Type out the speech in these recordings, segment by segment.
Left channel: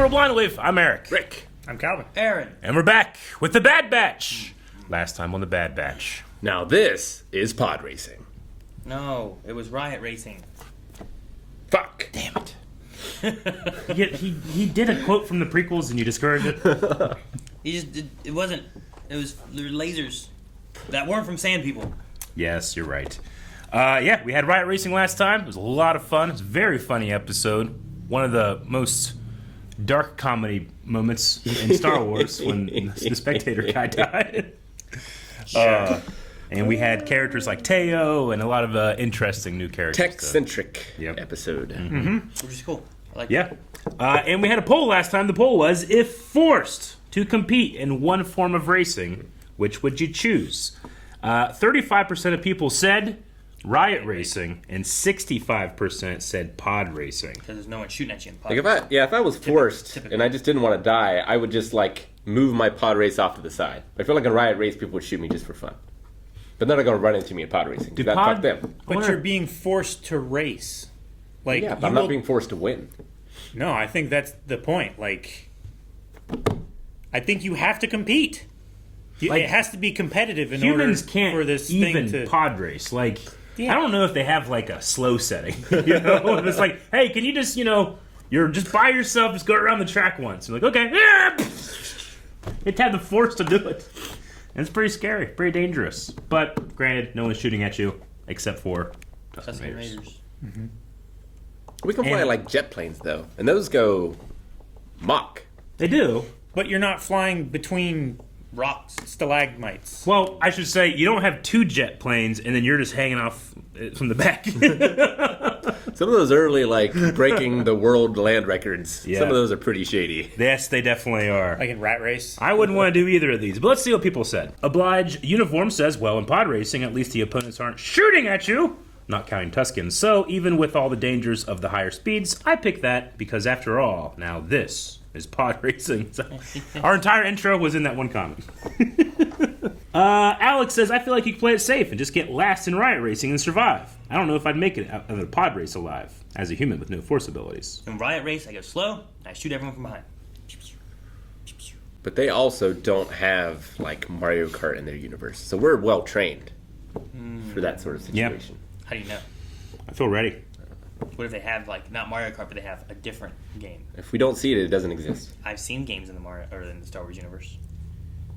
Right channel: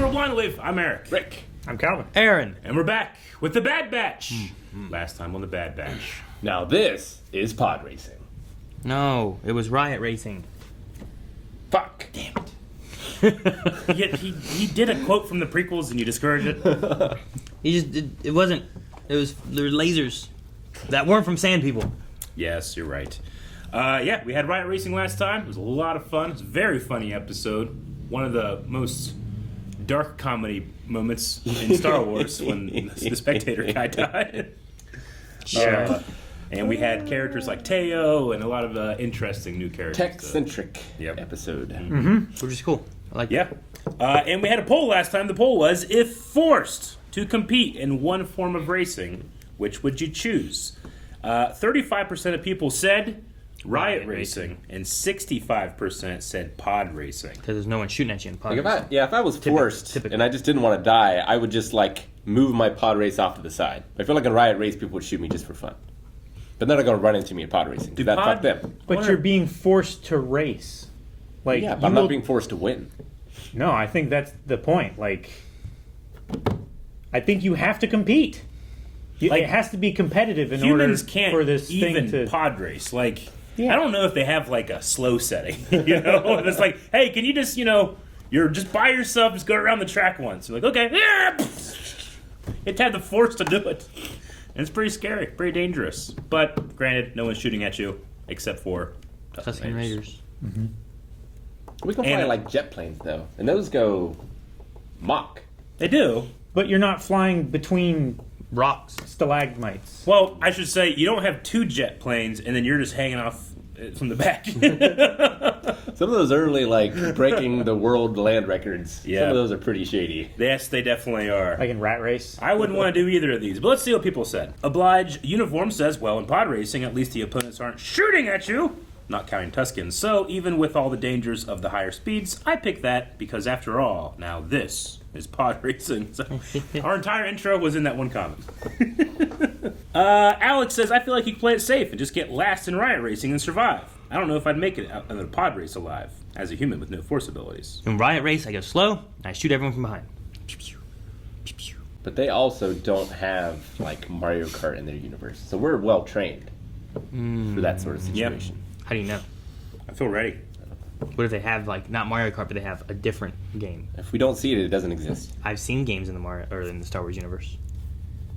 to Roll Blind with. I'm Eric. Rick. I'm Calvin. Aaron. And we're back with the Bad Batch. Last time on the Bad Batch. Now this is pod racing. No, it was Riot Racing. Fuck. Damn it. he did a quote from the prequels and you discouraged it. It wasn't. There were lasers that weren't from Sand People. Yes, you're right. Yeah, we had Riot Racing last time. It was a lot of fun. It was a very funny episode. One of the most dark comedy moments in Star Wars when the Spectator guy died. And we had characters like Teo and a lot of interesting new characters. Tech-centric episode. Which is cool. I like Yeah. And we had a poll last time. The poll was, if forced to compete in one form of racing, which would you choose? 35% of people said Riot Racing, and 65% said pod racing. Because there's no one shooting at you in pod. Like if I was forced typical. and I just didn't want to die, I would just move my pod race off to the side. I feel like in Riot Race, people would shoot me just for fun. But they're not going to run into me in pod racing. Fuck them. But you're being forced to race. Yeah, I'm not being forced to win. No, I think that's the point. I think you have to compete. It has to be competitive in Humans order can't for this even thing to pod race. Yeah. I don't know if they have a slow setting. And it's like, hey, can you just, you're just by yourself, just go around the track once. I'm like, okay. It had the force to do it. And it's pretty scary, pretty dangerous. But granted, no one's shooting at you except for Tusken Raiders. Mm-hmm. We can fly jet planes, though. And those go Mach. They do. But you're not flying between Rocks. stalagmites. Well, I should say you don't have two jet planes, and then you're just hanging off from the back. Some of those early, breaking the world land records, Yeah. some of those are pretty shady. Yes, they definitely are. Like in Rat Race. I wouldn't want to do either of these, but let's see what people said. Oblige Uniform says, well, in pod racing, at least the opponents aren't shooting at you, not counting Tuskens. So even with all the dangers of the higher speeds, I pick that because after all, now this is pod racing. So our entire intro was in that one comment. Alex says, I feel like you can play it safe and just get last in Riot Racing and survive. I don't know if I'd make it out of a pod race alive as a human with no force abilities. In Riot Race, I go slow, and I shoot everyone from behind. But they also don't have, Mario Kart in their universe. So we're well-trained for that sort of situation. How do you know? I feel ready. What if they have, not Mario Kart, but they have a different game? If we don't see it, it doesn't exist. I've seen games in the Star Wars universe.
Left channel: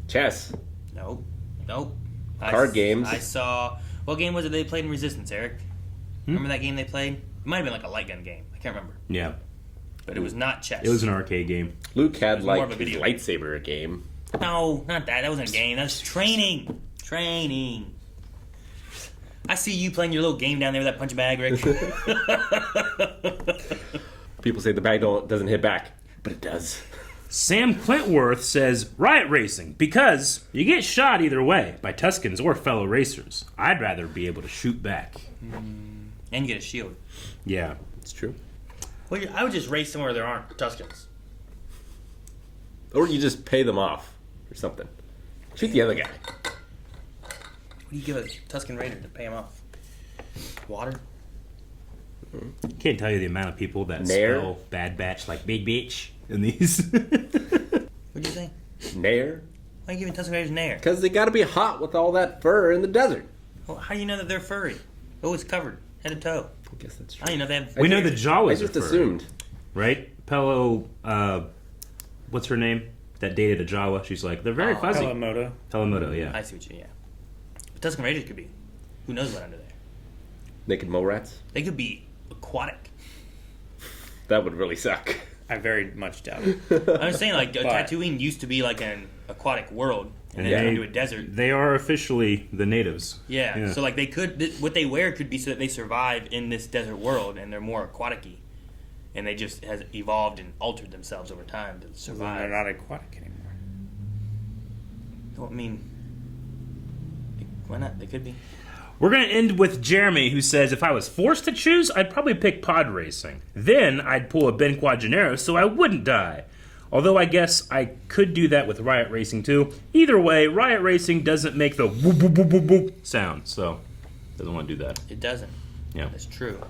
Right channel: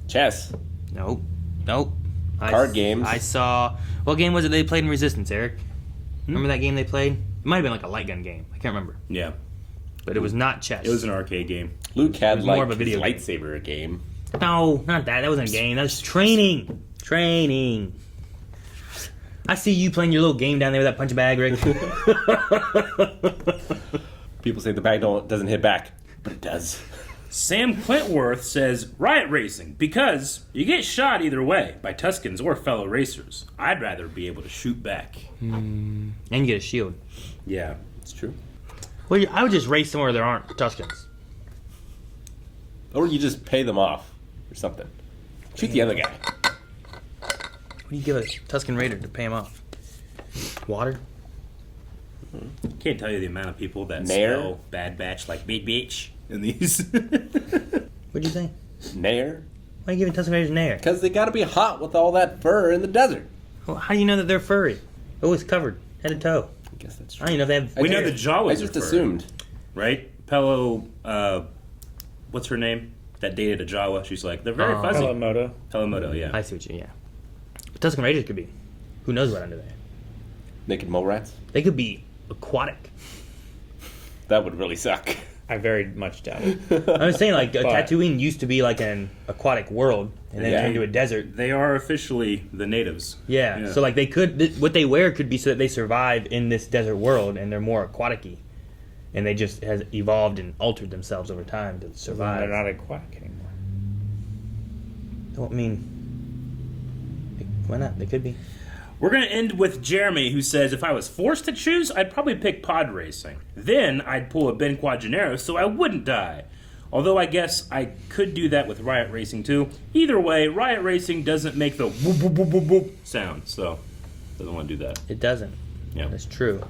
Chess. Nope. Card games. I saw... What game was it they played in Resistance, Eric? Remember that game they played? It might have been a light gun game. I can't remember. Yeah. But it was not chess. It was an arcade game. Luke had, more of a his video game. lightsaber game. No, not that. That wasn't a game. That was training. Training. I see you playing your little game down there with that punch bag, Rick. People say the bag doesn't hit back, but it does. Sam Clintworth says, Riot Racing, because you get shot either way, by Tuskens or fellow racers. I'd rather be able to shoot back. And you get a shield. Yeah. It's true. Well, I would just race somewhere there aren't Tuskens. Or you just pay them off or something. Shoot the other guy. What do you give a Tusken Raider to pay him off? Water? Can't tell you the amount of people that Nair. spell Bad Batch like Big Bitch in these. What'd you say? Nair. Why are you giving Tusken Raiders an air? Because they gotta be hot with all that fur in the desert. Well, how do you know that they're furry? Always covered, head to toe. I guess that's I true. don't even know if they have... We know the Jawas I are just furry, assumed. right? Pello, what's her name? That dated a Jawa. She's like, they're very fuzzy. Pelamoto. Pelamoto, yeah. I see what you... Yeah. But Tusken Raiders could be. Who knows what under there? Naked mole rats? They could be aquatic. That would really suck. I very much doubt it. I was saying, Tatooine used to be an aquatic world, and then Yeah. turned into a desert. They are officially the natives. Yeah. So they could... What they wear could be so that they survive in this desert world, and they're more aquatic-y. And they just has evolved and altered themselves over time to survive. They're not aquatic anymore. I mean, why not? They could be. We're going to end with Jeremy, who says, if I was forced to choose, I'd probably pick pod racing. Then I'd pull a Ben Quadraro so I wouldn't die. Although I guess I could do that with Riot Racing too. Either way, Riot Racing doesn't make the whoop, whoop, whoop, whoop, whoop sound, so doesn't want to do that. It doesn't. Yeah. That's true.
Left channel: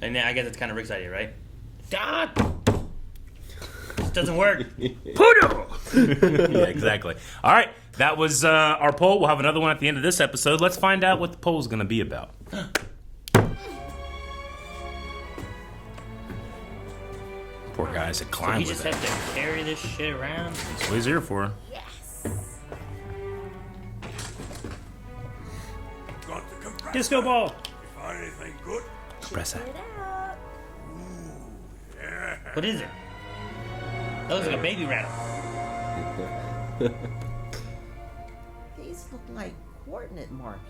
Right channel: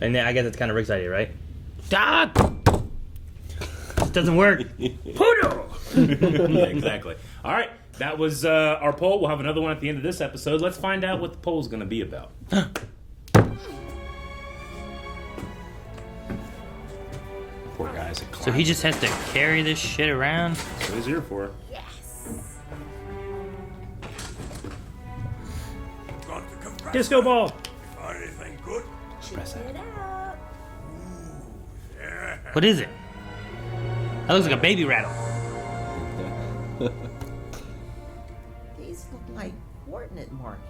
And then I guess it's kind of Rick's idea, right? Ah! doesn't work. Poodle! Yeah, exactly. All right, that was our poll. We'll have another one at the end of this episode. Let's find out what the poll is going to be about. Poor guy's a So climber. he just has to carry this shit around? That's what he's here for. Yes. Got the compressor. Disco ball. You find anything good? Press Check that. it out. Yeah. What is it? That looks like a baby rattle. These look like coordinate markings.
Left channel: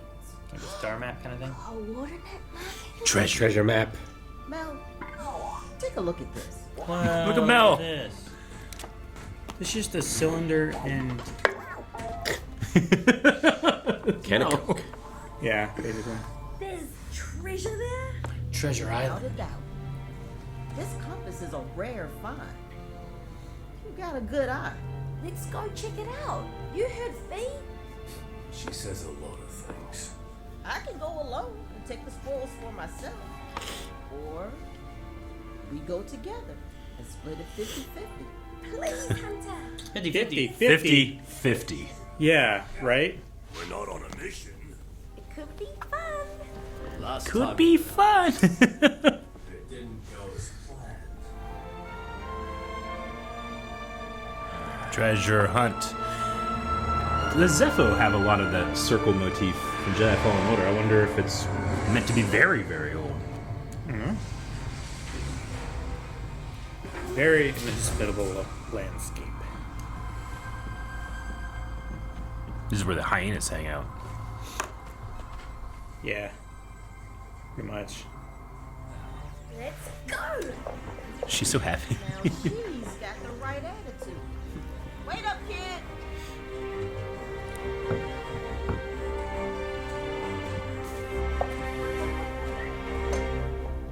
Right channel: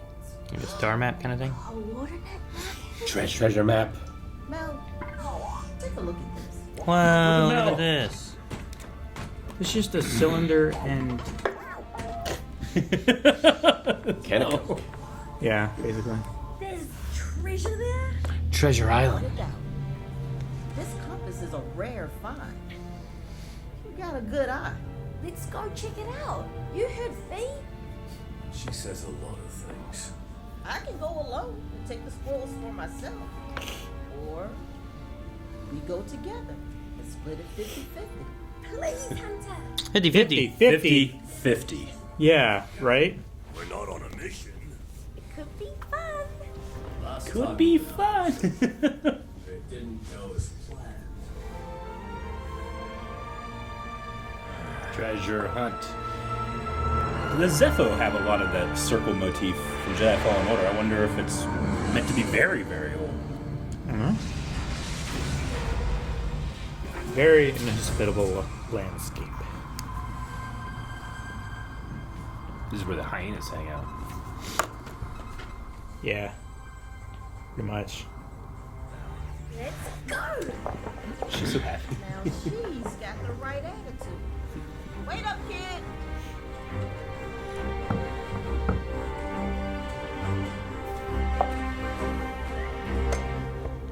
Like a star map kind of thing? Coordinate marking. Treasure map. Mel, take a look at this. Wow, Look at Mel. look at this. It's just a cylinder and Can it? yeah, basically. There's treasure there. Treasure Without Island. a doubt. This compass is a rare find. You got a good eye. Let's go check it out. You heard Fee? She says a lot of things. I can go alone and take the spoils for myself. Or we go together and split it 50-50. Please, Hunter. 50-50. 50-50. Yeah, right? We're not on a mission. It could be fun. Last Could be fun. it didn't go as planned. Treasure hunt. Does Zeffo have a lot of that circle motif from Jedi Fallen Order? I wonder if it's meant to be very, very old. Very hospitable landscape. This is where the hyenas hang out. Yeah. Pretty much. Let's go. She's so happy. Now she's got the right attitude. Wait up, kid.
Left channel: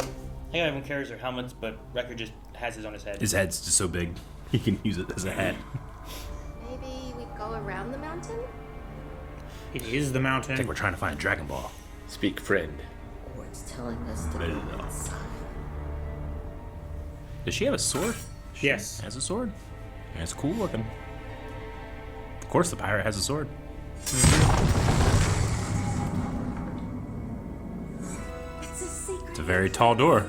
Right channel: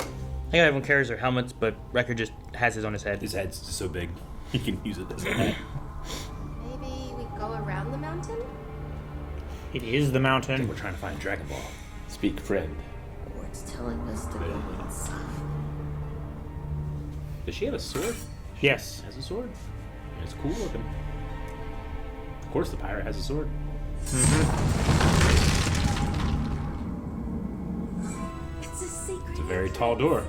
I think everyone carries their helmets, but Wrecker just has his on his head. His head's just so big, he can use it as a hat. Maybe we go around the mountain? It is the I mountain. think we're trying to find Dragon Ball. Speak friend. Or it's telling us to go inside. Does she have a sword? She Yes. has a sword. And it's cool looking. Of course, the pirate has a sword. It's a secret. It's a very tall door.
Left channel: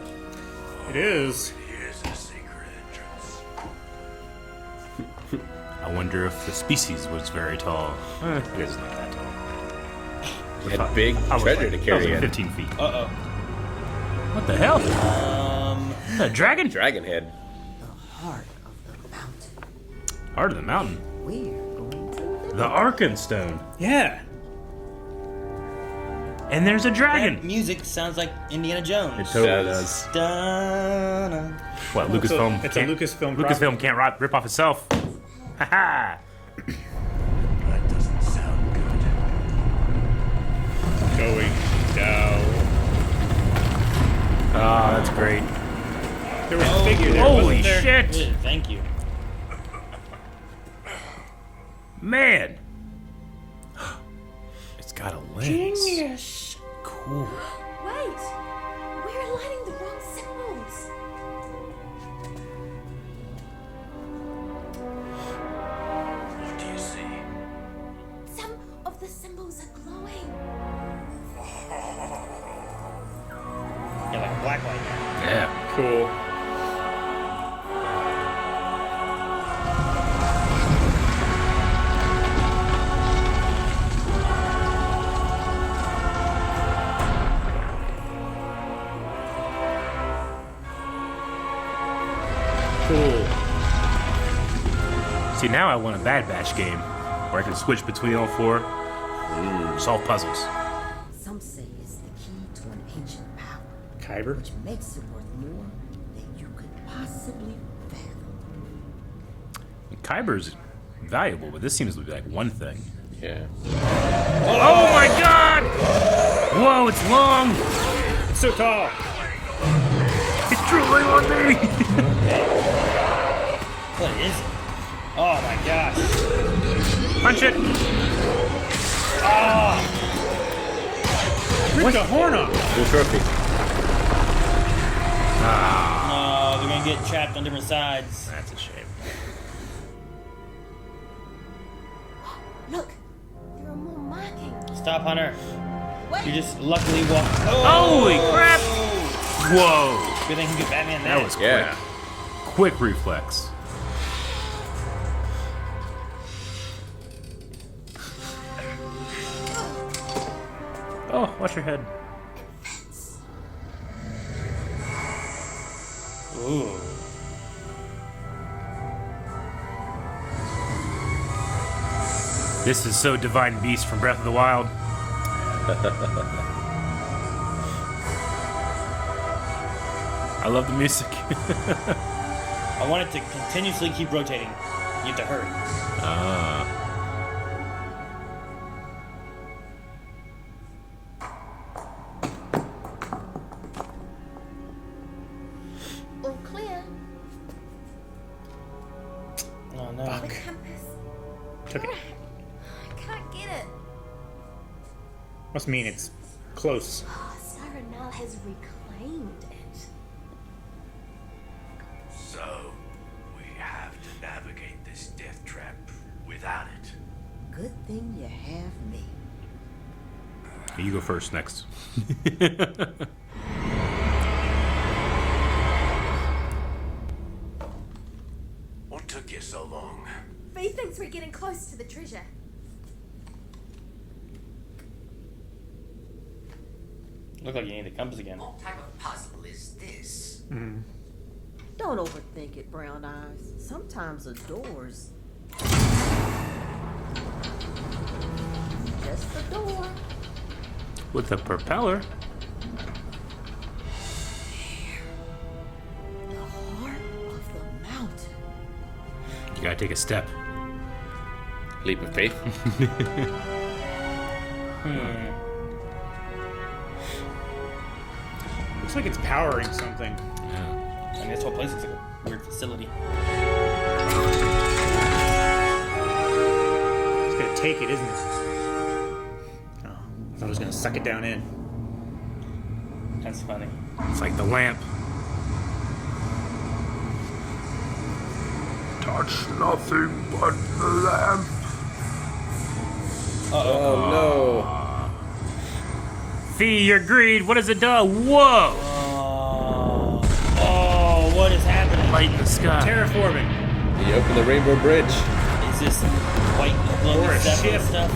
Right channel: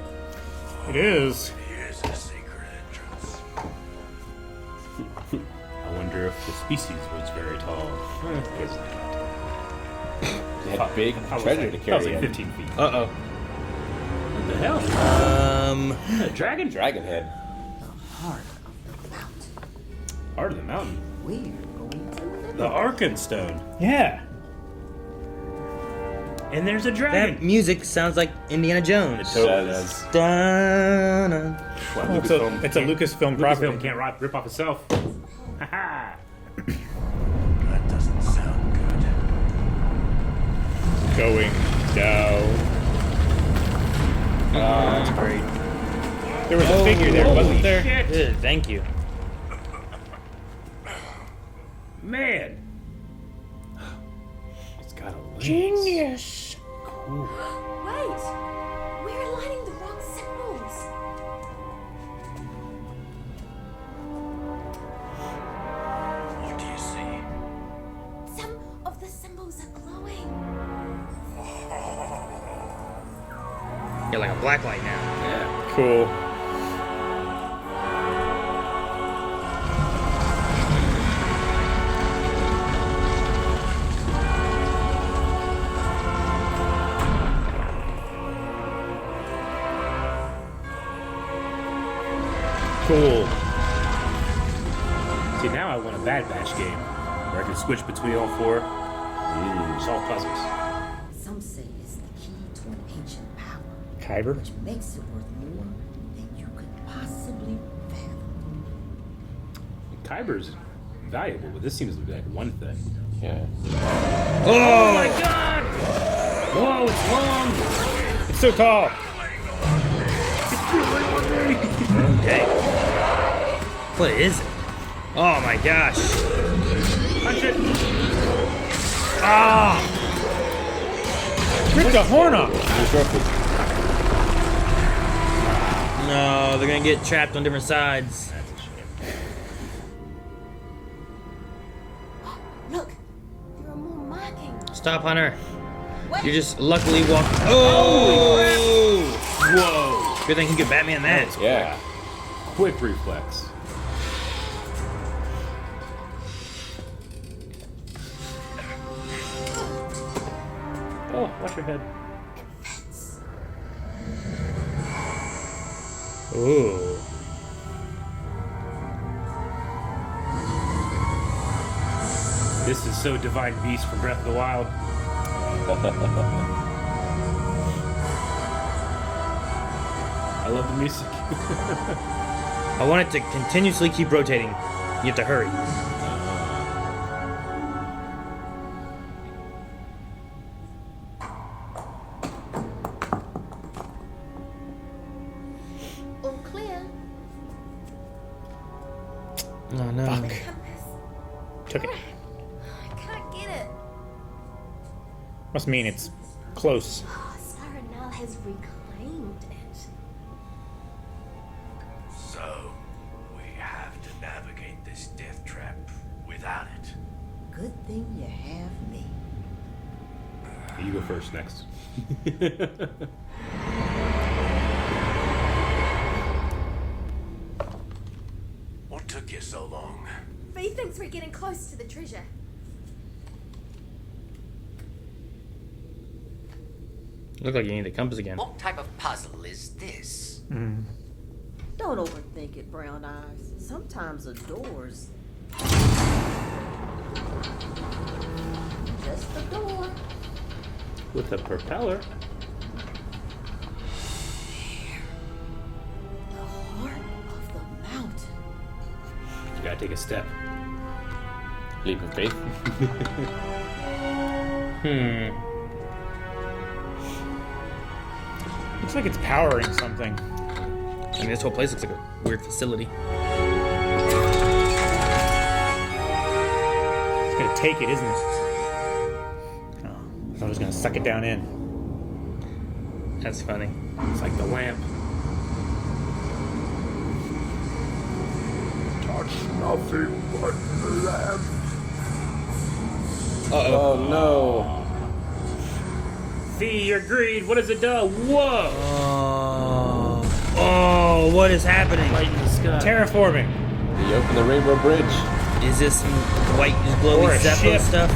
It is. Here's a secret entrance. I wonder if the species was very tall. I guess not that tall. Had big I was treasure like, to I was carry like in. 15 feet. Uh-oh. What the hell? A dragon? Dragon head. The heart of the mountain. Heart of the mountain. We're going to live. The Arkenstone. Yeah. And there's a That dragon. music sounds like Indiana Jones. Totally Yeah. does. Dun-dun. Well, Well, Lucasfilm. it's a can't- Lucasfilm property. Lucasfilm can't rip off itself. Ha ha! That doesn't sound good. Going down. Oh, that's great. There was a figure there, Holy wasn't there? shit! Good, thank you. Man! It's got a lens. Genius. Cool. Wait. We're aligning the wrong symbols. What do you see? Some of the symbols are glowing. Yeah, like a black light now. Yeah. Cool. Cool. See, now I want a Bad Batch game where I can switch between all four, solve puzzles. Some say it's the key to an ancient power, Kyber. which makes it worth more than you could possibly fathom. Kyber's valuable, but this seems to be like one thing. Yeah. Oh my god! Whoa, it's long! It's so tall. What is it? Oh my gosh. Punch it! Where's the horn on? No, they're gonna get trapped on different sides. That's a shame. Look, there are more markings. Stop, Hunter. Wait. You're just luckily walking. Holy crap! Whoa! Whoa! Good thing you could bat me on that. was Yeah. quick reflex. Oh, watch your head. Ooh. This is so Divine Beast from Breath of the Wild. I love the music. I want it to continuously keep rotating. You have to hurry. All clear. Oh no. The compass. Took it. I can't get it. Must mean it's close. Oh, Saranal has reclaimed it. So, we have to navigate this death trap without it. Good thing you have me. You go first next. What took you so long? V thinks we're getting close to the treasure. Look like you need the compass again. What type of puzzle is this? Don't overthink it, Brown Eyes. Sometimes the doors. Just the door. With a propeller. The heart of the mountain. You gotta take a step. Leap of faith. Looks like it's powering something. I mean, this whole place looks like a weird facility. It's gonna take it, isn't it? Oh, I thought it was gonna suck it down in. That's funny. It's like the lamp. Touch nothing but the lamp. Oh no. Fee your greed. What does it do? Whoa! Oh, what is happening? Light in the sky. Terraforming. You open the Rainbow Bridge. Is this some white glowy Or a Zeffo ship. stuff?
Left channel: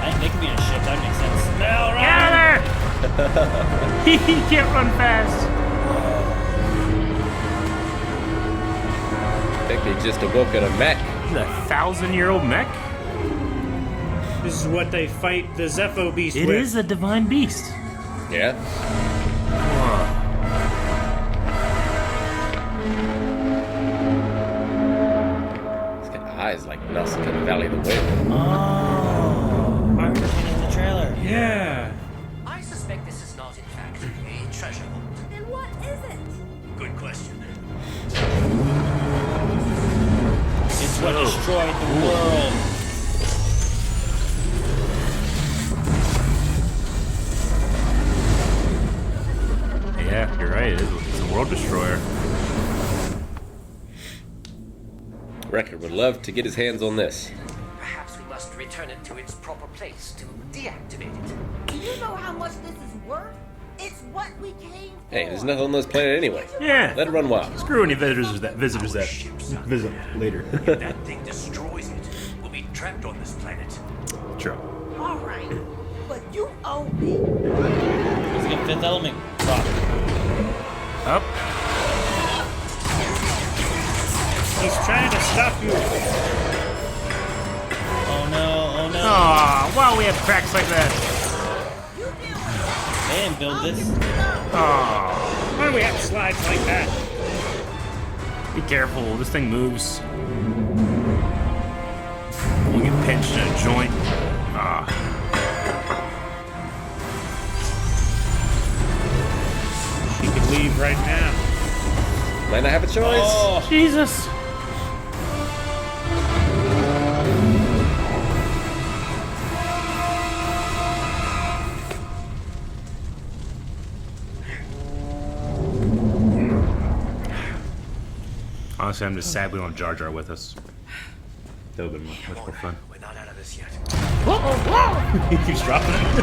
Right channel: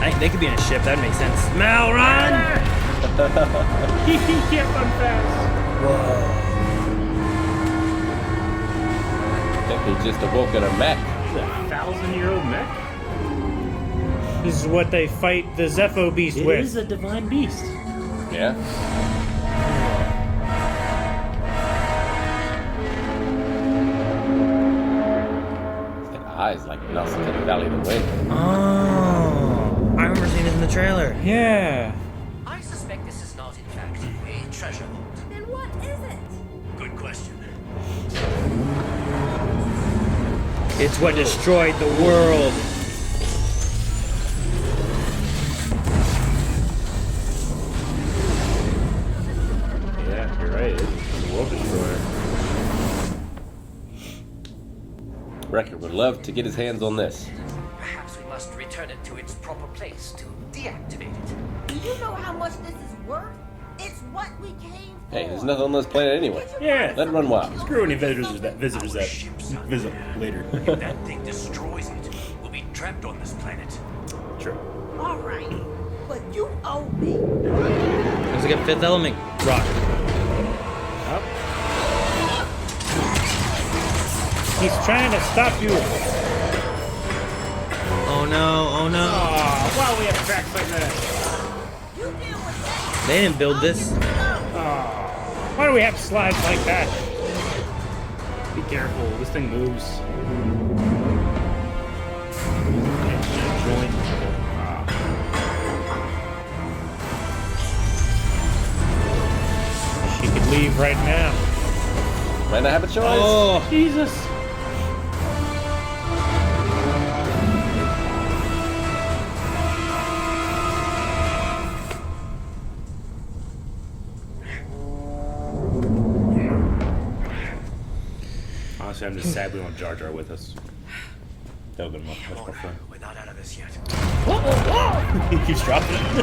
I think they could be in a ship. That would make sense. Mal, run! He can't run fast. Maybe just awoken a mech. The 1,000-year-old mech? This is what they fight the Zeffo beast It with. is a divine beast. Yeah. It's got eyes like Nelson in the Valley of the Wind. Oh, I remember seeing it in the trailer. Yeah. I suspect this is not, in fact, a treasure vault. Then what is it? Good question. It's what destroyed the world. Yeah, you're right. It's a world destroyer. Wrecker would love to get his hands on this. Perhaps we must return it to its proper place to deactivate it. Do you know how much this is worth? It's what we came for. Hey, there's nothing on this planet anyway. Get your Yeah, mind let it run wild. Screw any visitors that Our ship's out visit there. later. If that thing destroys it, we'll be trapped on this planet. Sure. All right, but you owe me. Looks like a Fifth Element rock. Up. He's trying to stop you. Oh no, oh no. Aw, well, we have cracks like that. You deal with that. They didn't build I'll this. get the stuff. Aw. Why do we have slides like that? Be careful. This thing moves. You get pinched in a joint. Ah. She could leave right now. Might not have a choice. Oh, Jesus. Honestly, I'm just sad we don't have Jar Jar with us. That would have been much Come more on, fun. we're not out of this yet. He keeps dropping it.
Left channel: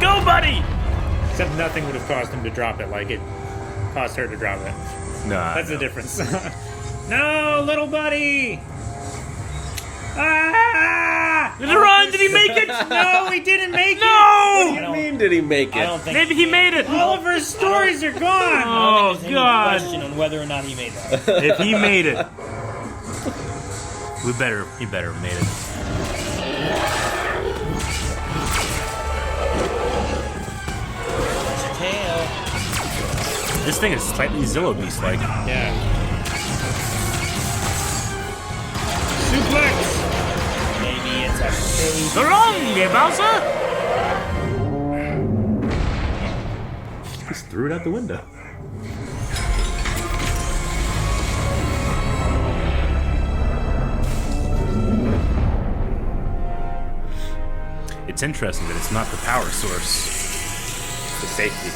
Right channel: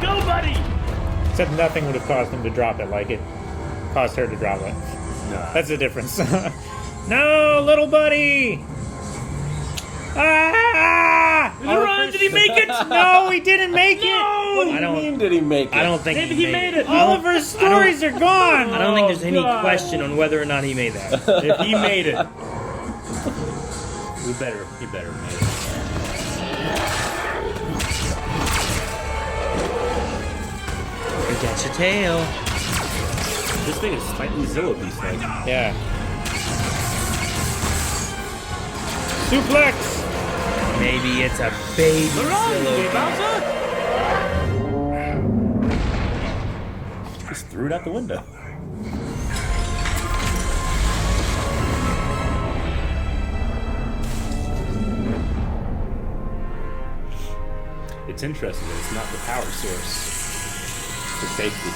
Go, buddy! Except nothing would have caused him to drop it like it caused her to drop it. Nah. That's the difference. No, little buddy! Ah! Run! Did he make it? No, he didn't make No! it! What do you mean did he make it? I don't think Maybe he made it. All of our stories are gone! I don't think there's any God. question on whether or not he made that. If he made it, he better have made it. It's your tail. This thing is slightly Zillow Beast-like. Yeah. Suplex! Maybe it's a baby. Just threw it out the window. It's interesting that it's not the power source. Safety.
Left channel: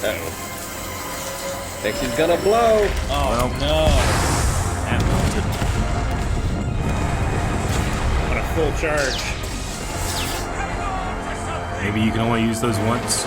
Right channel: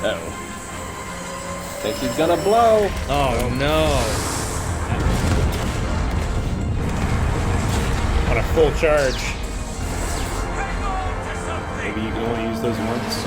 Yeah. Think he's gonna blow. Oh no. On a full charge. Maybe you can only use those once.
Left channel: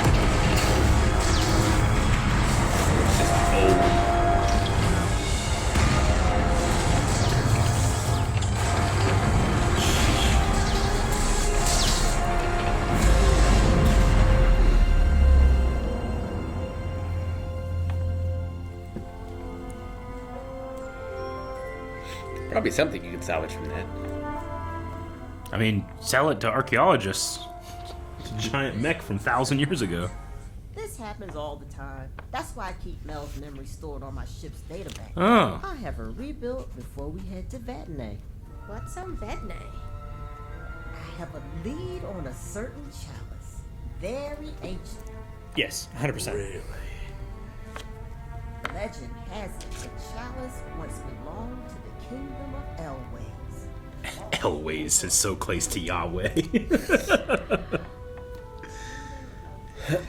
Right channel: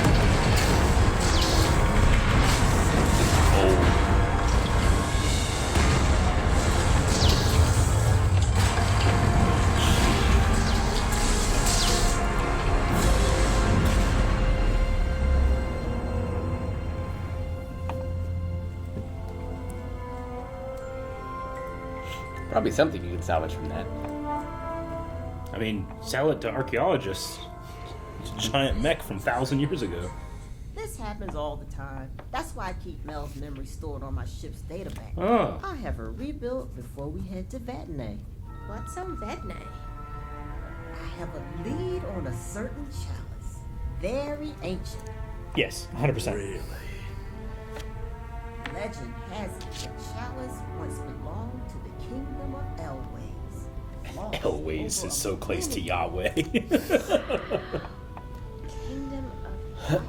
Probably something you can salvage from that. I mean, sell it to archaeologists. It's a giant mech from 1,000 years ago. This happens all the time. That's why I keep Mel's memory stored on my ship's databank. Oh. I'll have her rebuilt before we head to Vatnay. What's on Vedne? I have a lead on a certain chalice. Very ancient. Yes, 100%. Really? Legend has it the chalice once belonged to the kingdom of Elways. Long Elways over is so close to millennia. Yahweh. Kingdom of...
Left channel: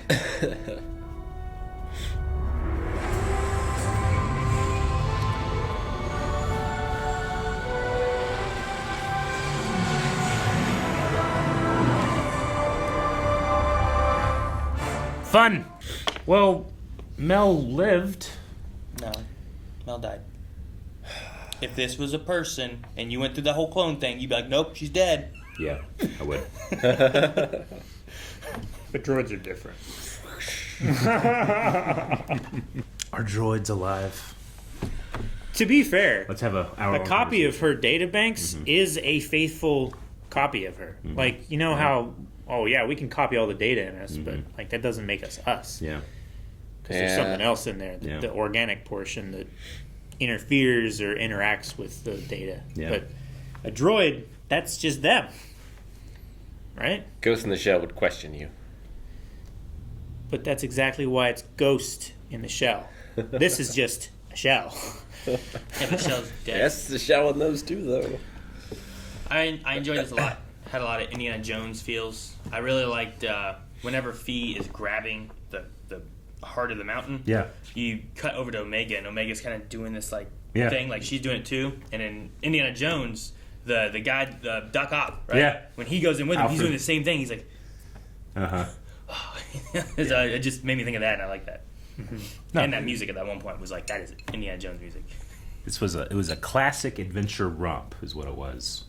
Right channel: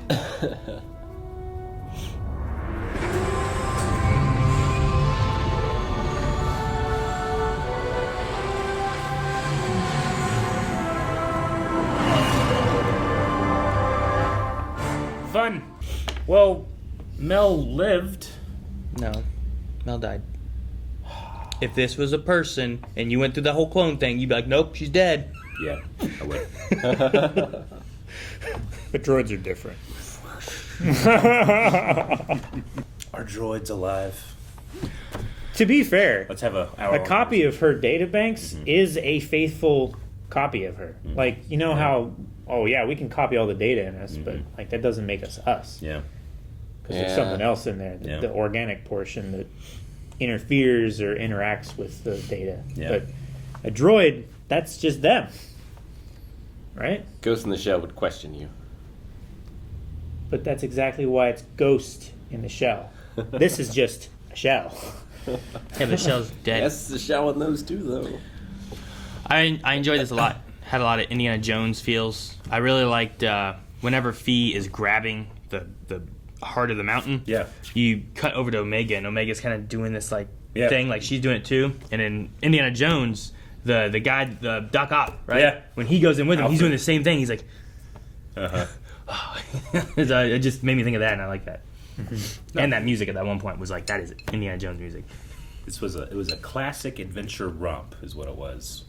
Fun. Well, Mel lived. No. Mel died. If this was a person and you went through the whole clone thing, you'd be like, nope, she's dead. Yeah, I would. But droids are different. Are droids alive? To be fair, Let's have a hour. a copy of her databanks is a faithful copy of her. Like, you know how, oh yeah, we can copy all the data in us, but like that doesn't make us us. Yeah. Because there's something else in there, Yeah. the organic portion that interferes or interacts with the data. Yeah. But a droid, that's just them. Right? Ghost in the Shell would question you. But that's exactly why it's ghost in the shell. This is just a shell. Yeah, but Shell's dead. Yes, the shell in those too, though. I enjoyed this a lot. Had a lot of Indiana Jones feels. I really liked whenever Fee is grabbing the heart of the mountain. Yeah. You cut over to Omega, and Omega's kind of doing this like Yeah. thing, like she's doing it too. And in Indiana Jones, the guy, the Doc Ock, right? Yeah. When he goes in with him, he's Alfred. doing the same thing. He's like, Uh-huh. it just made me think of that, and I like that. And that music at that one point was like, that is Indiana Jones music. It was a classic adventure romp, is what it was.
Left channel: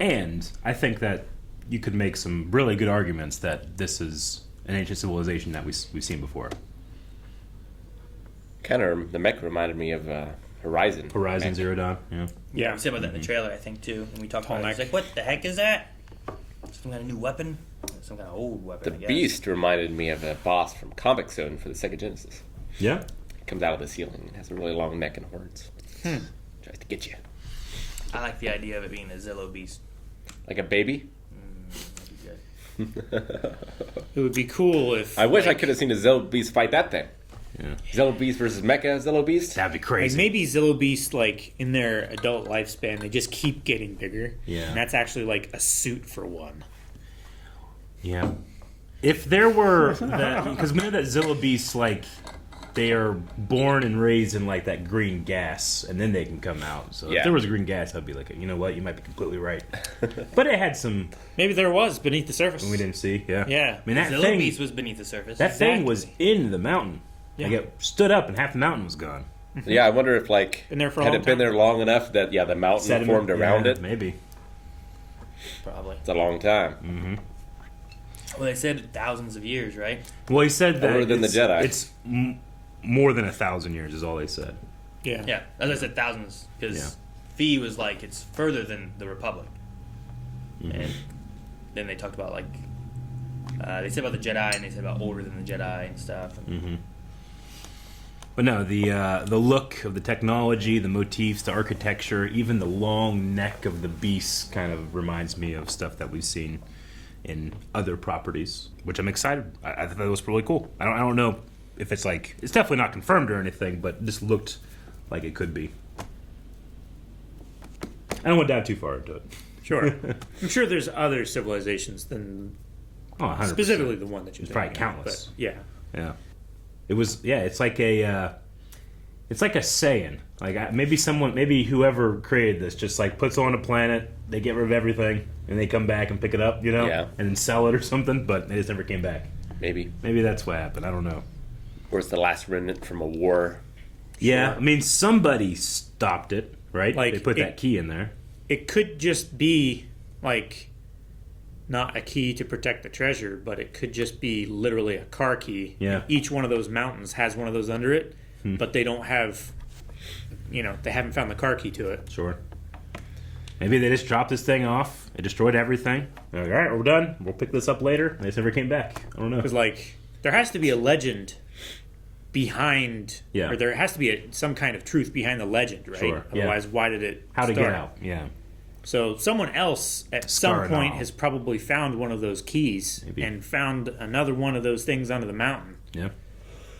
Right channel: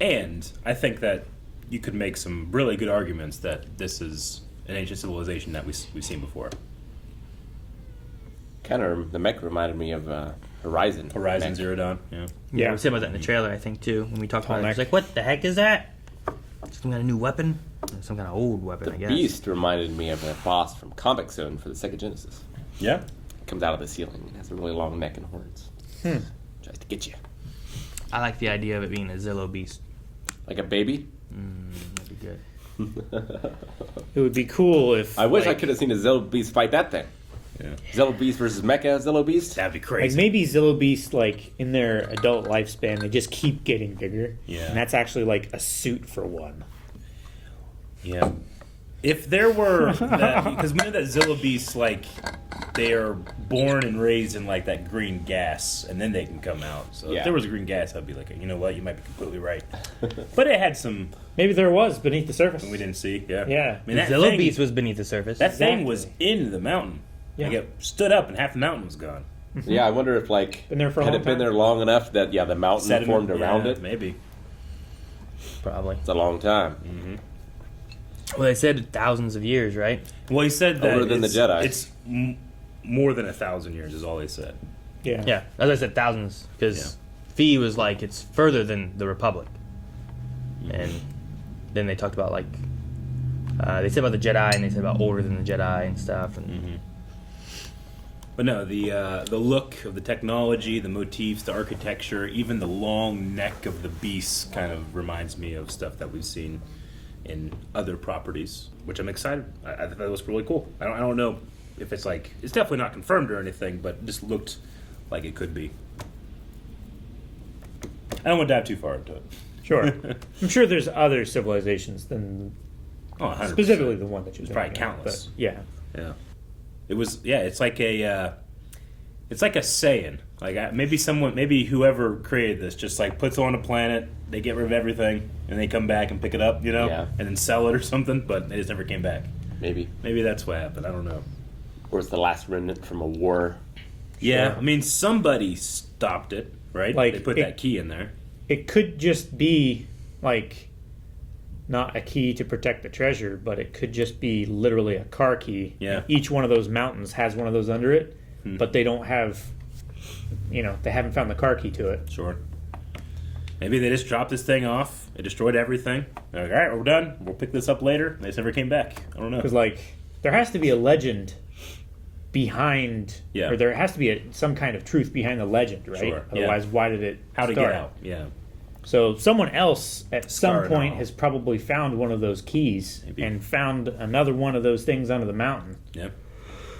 And I think that you could make some really good arguments that this is an ancient civilization that we've seen before. Kind of, the mech reminded me of Horizon. Horizon mech. Zero Dawn. Yeah. Yeah. We said about that in the trailer, I think, too. When we talked about it, Tall it's like, what the heck is that? Some kind of new weapon? Some kind of old weapon, The I guess. Beast reminded me of a boss from Comic Zone for the Sega Genesis. Yeah. Comes out of the ceiling and has a really long neck and horns. Tries to get you. I like the idea of it being a Zillow Beast. Like a baby. That'd be good. It would be cool if I wish I could have seen a Zillow Beast fight that thing. Yeah. Zillow Beast versus Mecha Zillow Beast. That'd be like crazy. maybe Zillow Beast, like in their adult lifespan, they just keep getting bigger. Yeah. And that's actually like a suit for one. Yeah. If there were, because we know that Zillow Beasts, like, they are born and raised in like that green gas, and then they can come out. So Yeah. if there was green gas, I'd be like, you know what, you might be completely right. But it had some Maybe there was beneath the surface. we didn't see. Yeah. Yeah. I mean, that Zillow thing, Beast was beneath the surface. that thing was in the mountain. Yeah. Like it stood up, and half the mountain was gone. Yeah, I wonder if like Been there for a had long it been time? there long enough that the mountain Sediment, formed around yeah, it. maybe. probably. It's a long time. Well, they said thousands of years, right? Well, he said that Older than the it's, Jedi. it's more than 1,000 years, is all he said. Yeah. Yeah, as I said, thousands, because Fee was like it's further than the Republic, and then they talked about like they said about the Jedi, and they said about older than the Jedi and stuff. And But no, the look of the technology, the motifs, the architecture, even the long neck of the beast kind of reminds me of stuff that we've seen in other properties, which I'm excited. I thought that was really cool. I don't know if it's like it's definitely not confirmed or anything, but it just looked like it could be. I don't want to dive too far into it. Sure. I'm sure there's other civilizations than Oh, 100%. specifically the one that you It's probably thinking of, countless. But yeah. Yeah, it was. Yeah, it's like a Saiyan. Like maybe whoever created this just like puts on a planet, they get rid of everything, and they come back and pick it up, Yeah. and then sell it or something. But they just never came back. Maybe. Maybe that's what happened. I don't know. Or it's the last remnant from a war. Yeah, Sure. I mean somebody stopped it, right? Like, they put it- that key in there. It could just be like not a key to protect the treasure, but it could just be literally a car key. Yeah. And each one of those mountains has one of those under it, but they don't have, they haven't found the car key to it. Sure. Maybe they just dropped this thing off. It destroyed everything. They're like, all right, we're done. We'll pick this up later. They just never came back. I don't know. Because like there has to be a legend behind, Yeah. or there has to be some kind of truth behind the legend, right? Sure, yeah. Otherwise, why did it How to start? get out? Yeah. So someone else at Scar some it point all. has probably found one of those keys Maybe. and found another one of those things under the mountain. Yeah.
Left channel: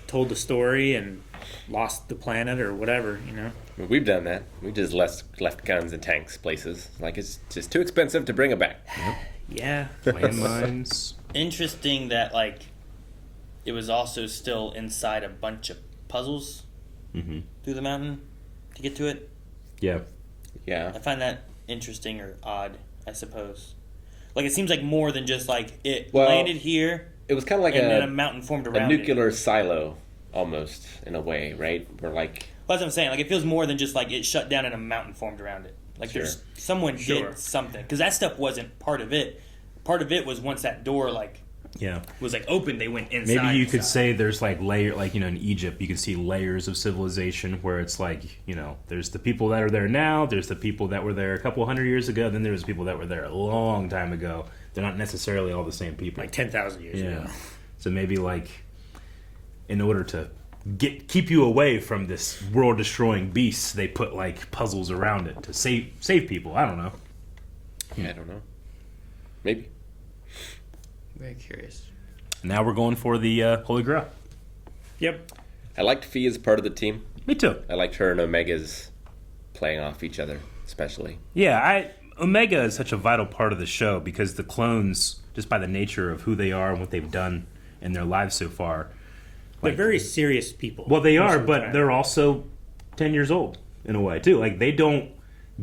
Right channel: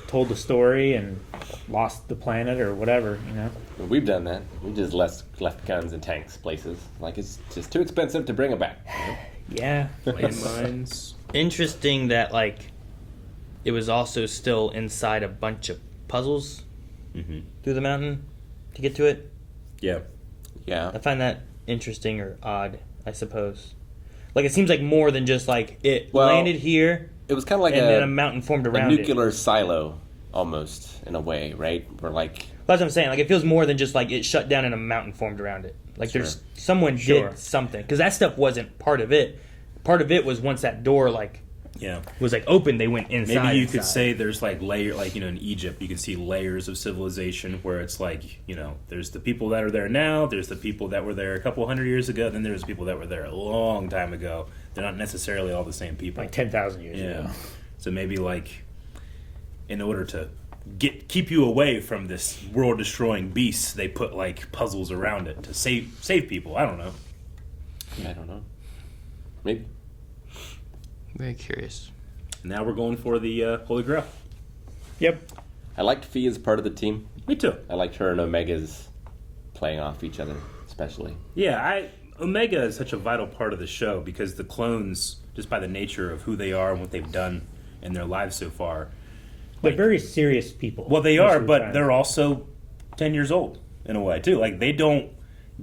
Told the story and lost the planet or whatever, We've done that. We just left guns and tanks places. Like it's just too expensive to bring them back. Yeah. Landmines. interesting that like it was also still inside a bunch of puzzles through the mountain to get to it. Yeah. Yeah. I find that interesting or odd, I suppose. Like it seems like more than just like it Well, landed here It was kind of like and then a a mountain formed a around it. nuclear silo, almost in a way, right? Where like That's what I'm saying. Like it feels more than just like it shut down and a mountain formed around it. Like there's someone Sure. did something because that stuff wasn't part of it. Part of it was once that door like Yeah. was like open, they went inside. Maybe you could inside. say there's like in Egypt, you can see layers of civilization where it's like, there's the people that are there now, there's the people that were there a couple hundred years ago, then there's people that were there a long time ago. They're not necessarily all the same people. Like 10,000 years Yeah. ago. So maybe like in order to keep you away from this world destroying beast, they put like puzzles around it to save people. I don't know. I don't know. Maybe. Very curious. Now we're going for the Holy Grail. Yep. I liked Fee as part of the team. Me too. I liked her and Omega's playing off each other, especially. Yeah, Omega is such a vital part of the show because the clones, just by the nature of who they are and what they've done in their lives so far. They're very serious people. Well, they most are, of the but time. they're also 10 years old in a way too. Like they don't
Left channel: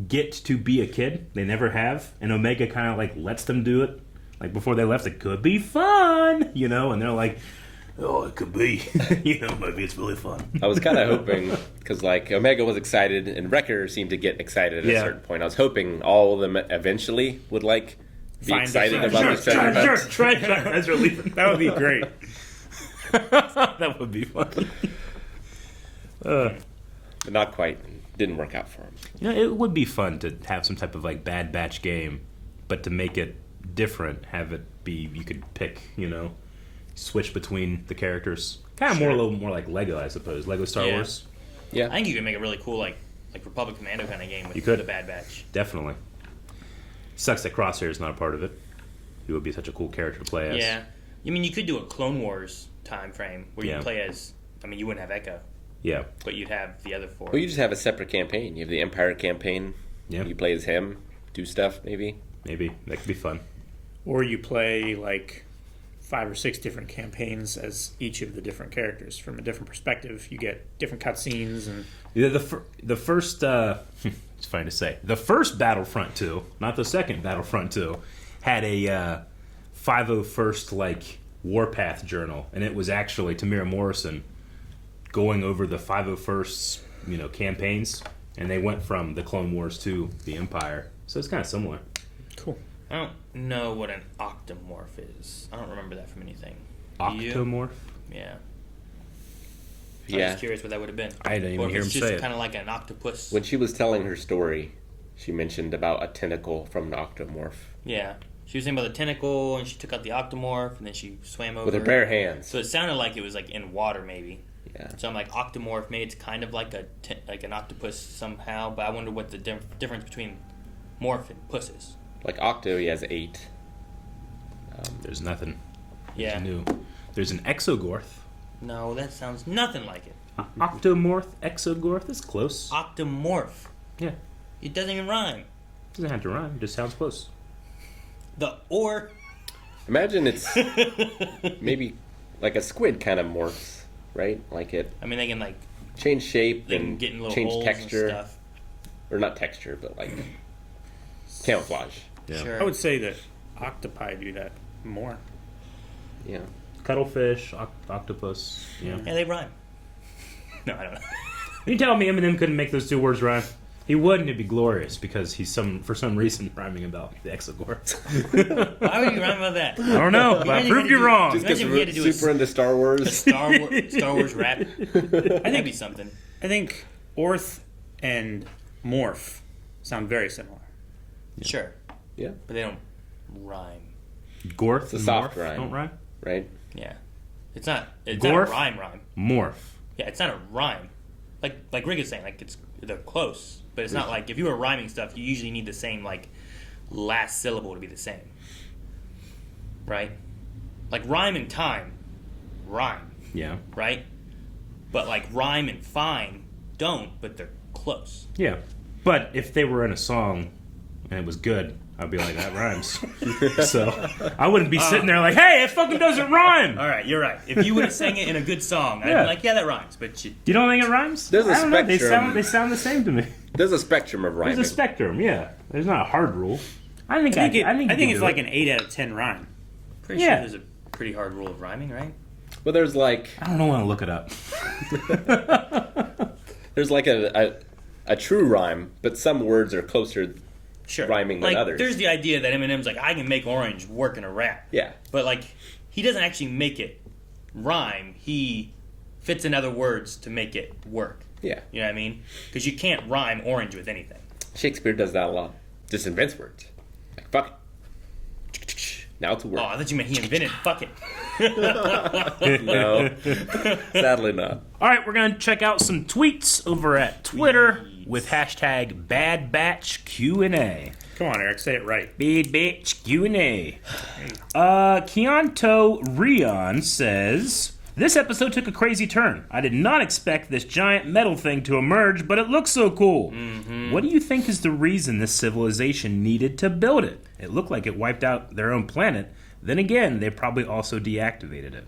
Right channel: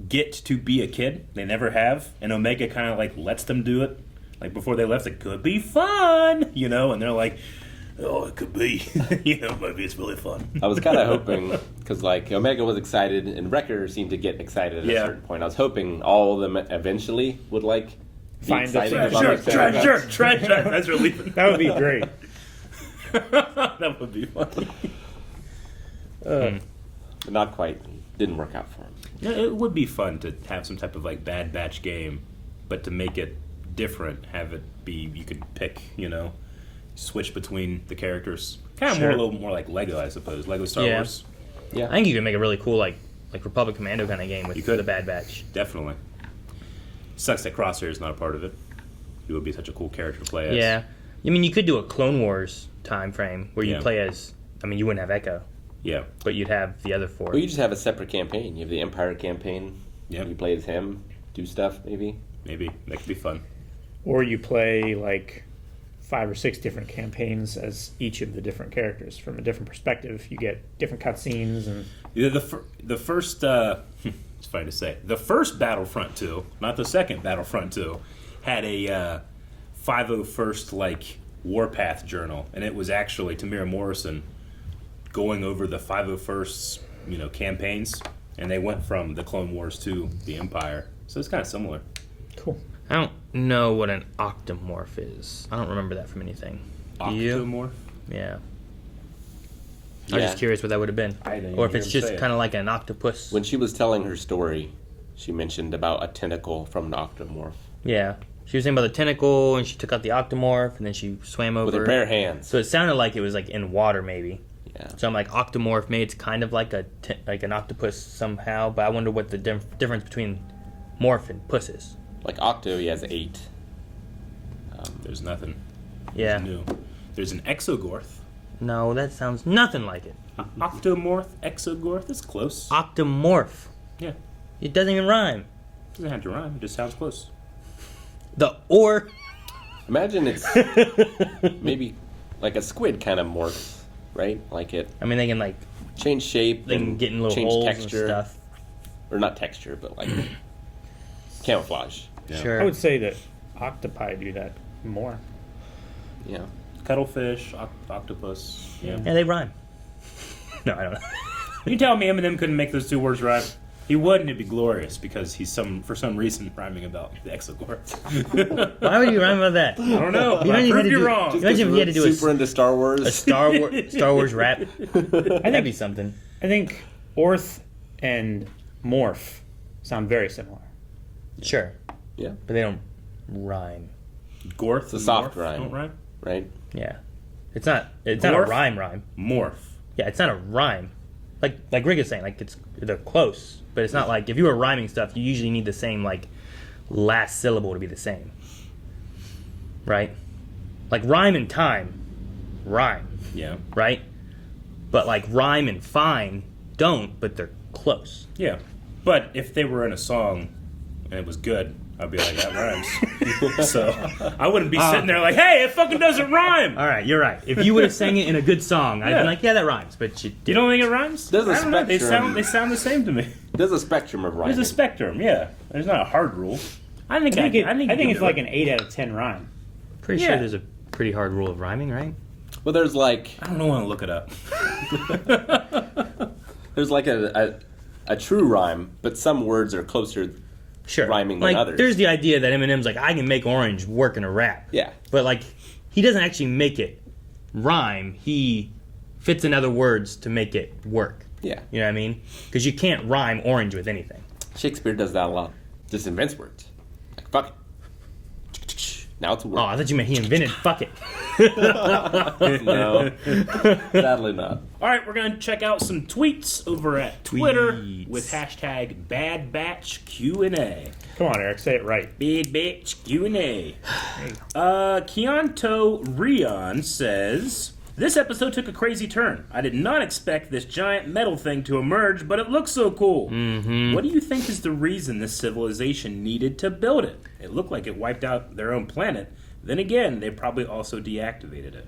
get to be a kid. They never have. And Omega kind of like lets them do it. Like before they left, it could be fun, and they're like, oh, it could be, maybe it's really fun. I was kind of hoping, because like Omega was excited and Wrecker seemed to get excited at a Yeah. certain point. I was hoping all of them eventually would like be Find excited the about treasure. this. Treasure as we're leaving. That would be great. That would be fun. But not quite. Didn't work out for him. Yeah, it would be fun to have some type of like Bad Batch game, but to make it different, have it be you could pick, switch between the characters. Kind of Sure. a little more like Lego, I suppose. Lego Star Yeah. Wars, I think you could make a really cool like Republic Commando kind of game with You could. the Bad Batch. definitely. Sucks that Crosshair is not a part of it. He would be such a cool character to play as. Yeah, I mean you could do a Clone Wars time frame where you Yeah. play as. I mean you wouldn't have Echo, Yeah. but you'd have the other four. Well, you just have a separate campaign. You have the Empire campaign. Yeah. You play as him, do stuff maybe. Maybe that could be fun. Or you play like 5 or 6 different campaigns as each of the different characters from a different perspective. You get different cutscenes and The first, it's funny to say, the first Battlefront 2, not the second Battlefront 2, had a 501st like Warpath journal, and it was actually Tamira Morrison going over the 501st campaigns, and they went from the Clone Wars to the Empire, so it's kind of similar. cool. I don't know what an octomorph is. I don't remember that from anything. Do you? Octomorph? Yeah. I was just curious what that would have been. I didn't even or if hear it's him just say it. kind of like an octopus. When she was telling her story, she mentioned about a tentacle from an octomorph Yeah. She was saying about the tentacle, and she took out the octomorph, and then she swam over. with her bare hands. So it sounded like it was like in water, maybe. Yeah. So I'm like, octomorph, maybe it's kind of like like an octopus somehow, but I wonder what the difference between morph and puss is. Like Octo, he has 8. There's nothing. Yeah. New. There's an Exogorth. No, that sounds nothing like it. Octomorph, Exogorth, that's close. Octomorph. Yeah. It doesn't even rhyme. Doesn't have to rhyme, it just sounds close. The or. Imagine it's maybe like a squid kind of morphs, right? Like it I mean, they can like change shape, they can and get in little change holes texture, and stuff. or not texture, but like camouflage. Yeah. Sure. I would say that octopi do that more. Yeah. Cuttlefish, octopus. Yeah. Yeah, they rhyme. No, I don't know. Are you telling me Eminem couldn't make those 2 words rhyme? He would, and it'd be glorious because he's for some reason rhyming about the Exogorth. Why would you rhyme about that? I don't know. You I imagine he had proved to you do- wrong. Imagine if he had to do Super into Star a Wars. Star Wars rap. That'd be something. I think orth and morph sound very similar. Sure, Yeah. but they don't rhyme. Gorth It's a and soft morph rhyme. don't rhyme? Right. Yeah, it's not a Gorf? rhyme. Morph. Yeah, it's not a rhyme. Like Rick is saying, like they're close, but it's not like if you were rhyming stuff, you usually need the same like last syllable to be the same, right? Like rhyme and time, rhyme, Yeah. right? But like rhyme and fine don't, but they're close. Yeah. But if they were in a song and it was good, I'd be like, that rhymes. So I wouldn't be sitting there like, hey, it fucking doesn't rhyme. All right, you're right. If you would have sang it in a good song, I'd Yeah. be like, yeah, that rhymes. But you You don't think it rhymes? There's a I don't know. They spectrum. sound the same to me. There's a spectrum of rhyming. There's a spectrum, yeah. There's not a hard rule. I think I think you it's do like it. an 8 out of 10 rhyme. pretty Yeah. sure there's a pretty hard rule of rhyming, right? Well, there's like I don't want to look it up. there's like a true rhyme, but some words are closer Sure. rhyming like, than others. there's the idea that Eminem's like, I can make orange work in a rap. Yeah. But like, he doesn't actually make it rhyme. He fits in other words to make it work. Yeah. You know what I mean? Because you can't rhyme orange with anything. Shakespeare does that a lot. Just invents words. Like fuck it. Now it's a word. Oh, I thought you meant he invented fuck it. No. Sadly not. All right, we're going to check out some tweets over at Twitter with hashtag BadBatchQ&A. Come on, Eric, say it right. Bad Batch Q&A. Keonto Rion says, this episode took a crazy turn. I did not expect this giant metal thing to emerge, but it looks so cool. Mm-hmm. What do you think is the reason this civilization needed to build it? It looked like it wiped out their own planet. Then again, they probably also deactivated it.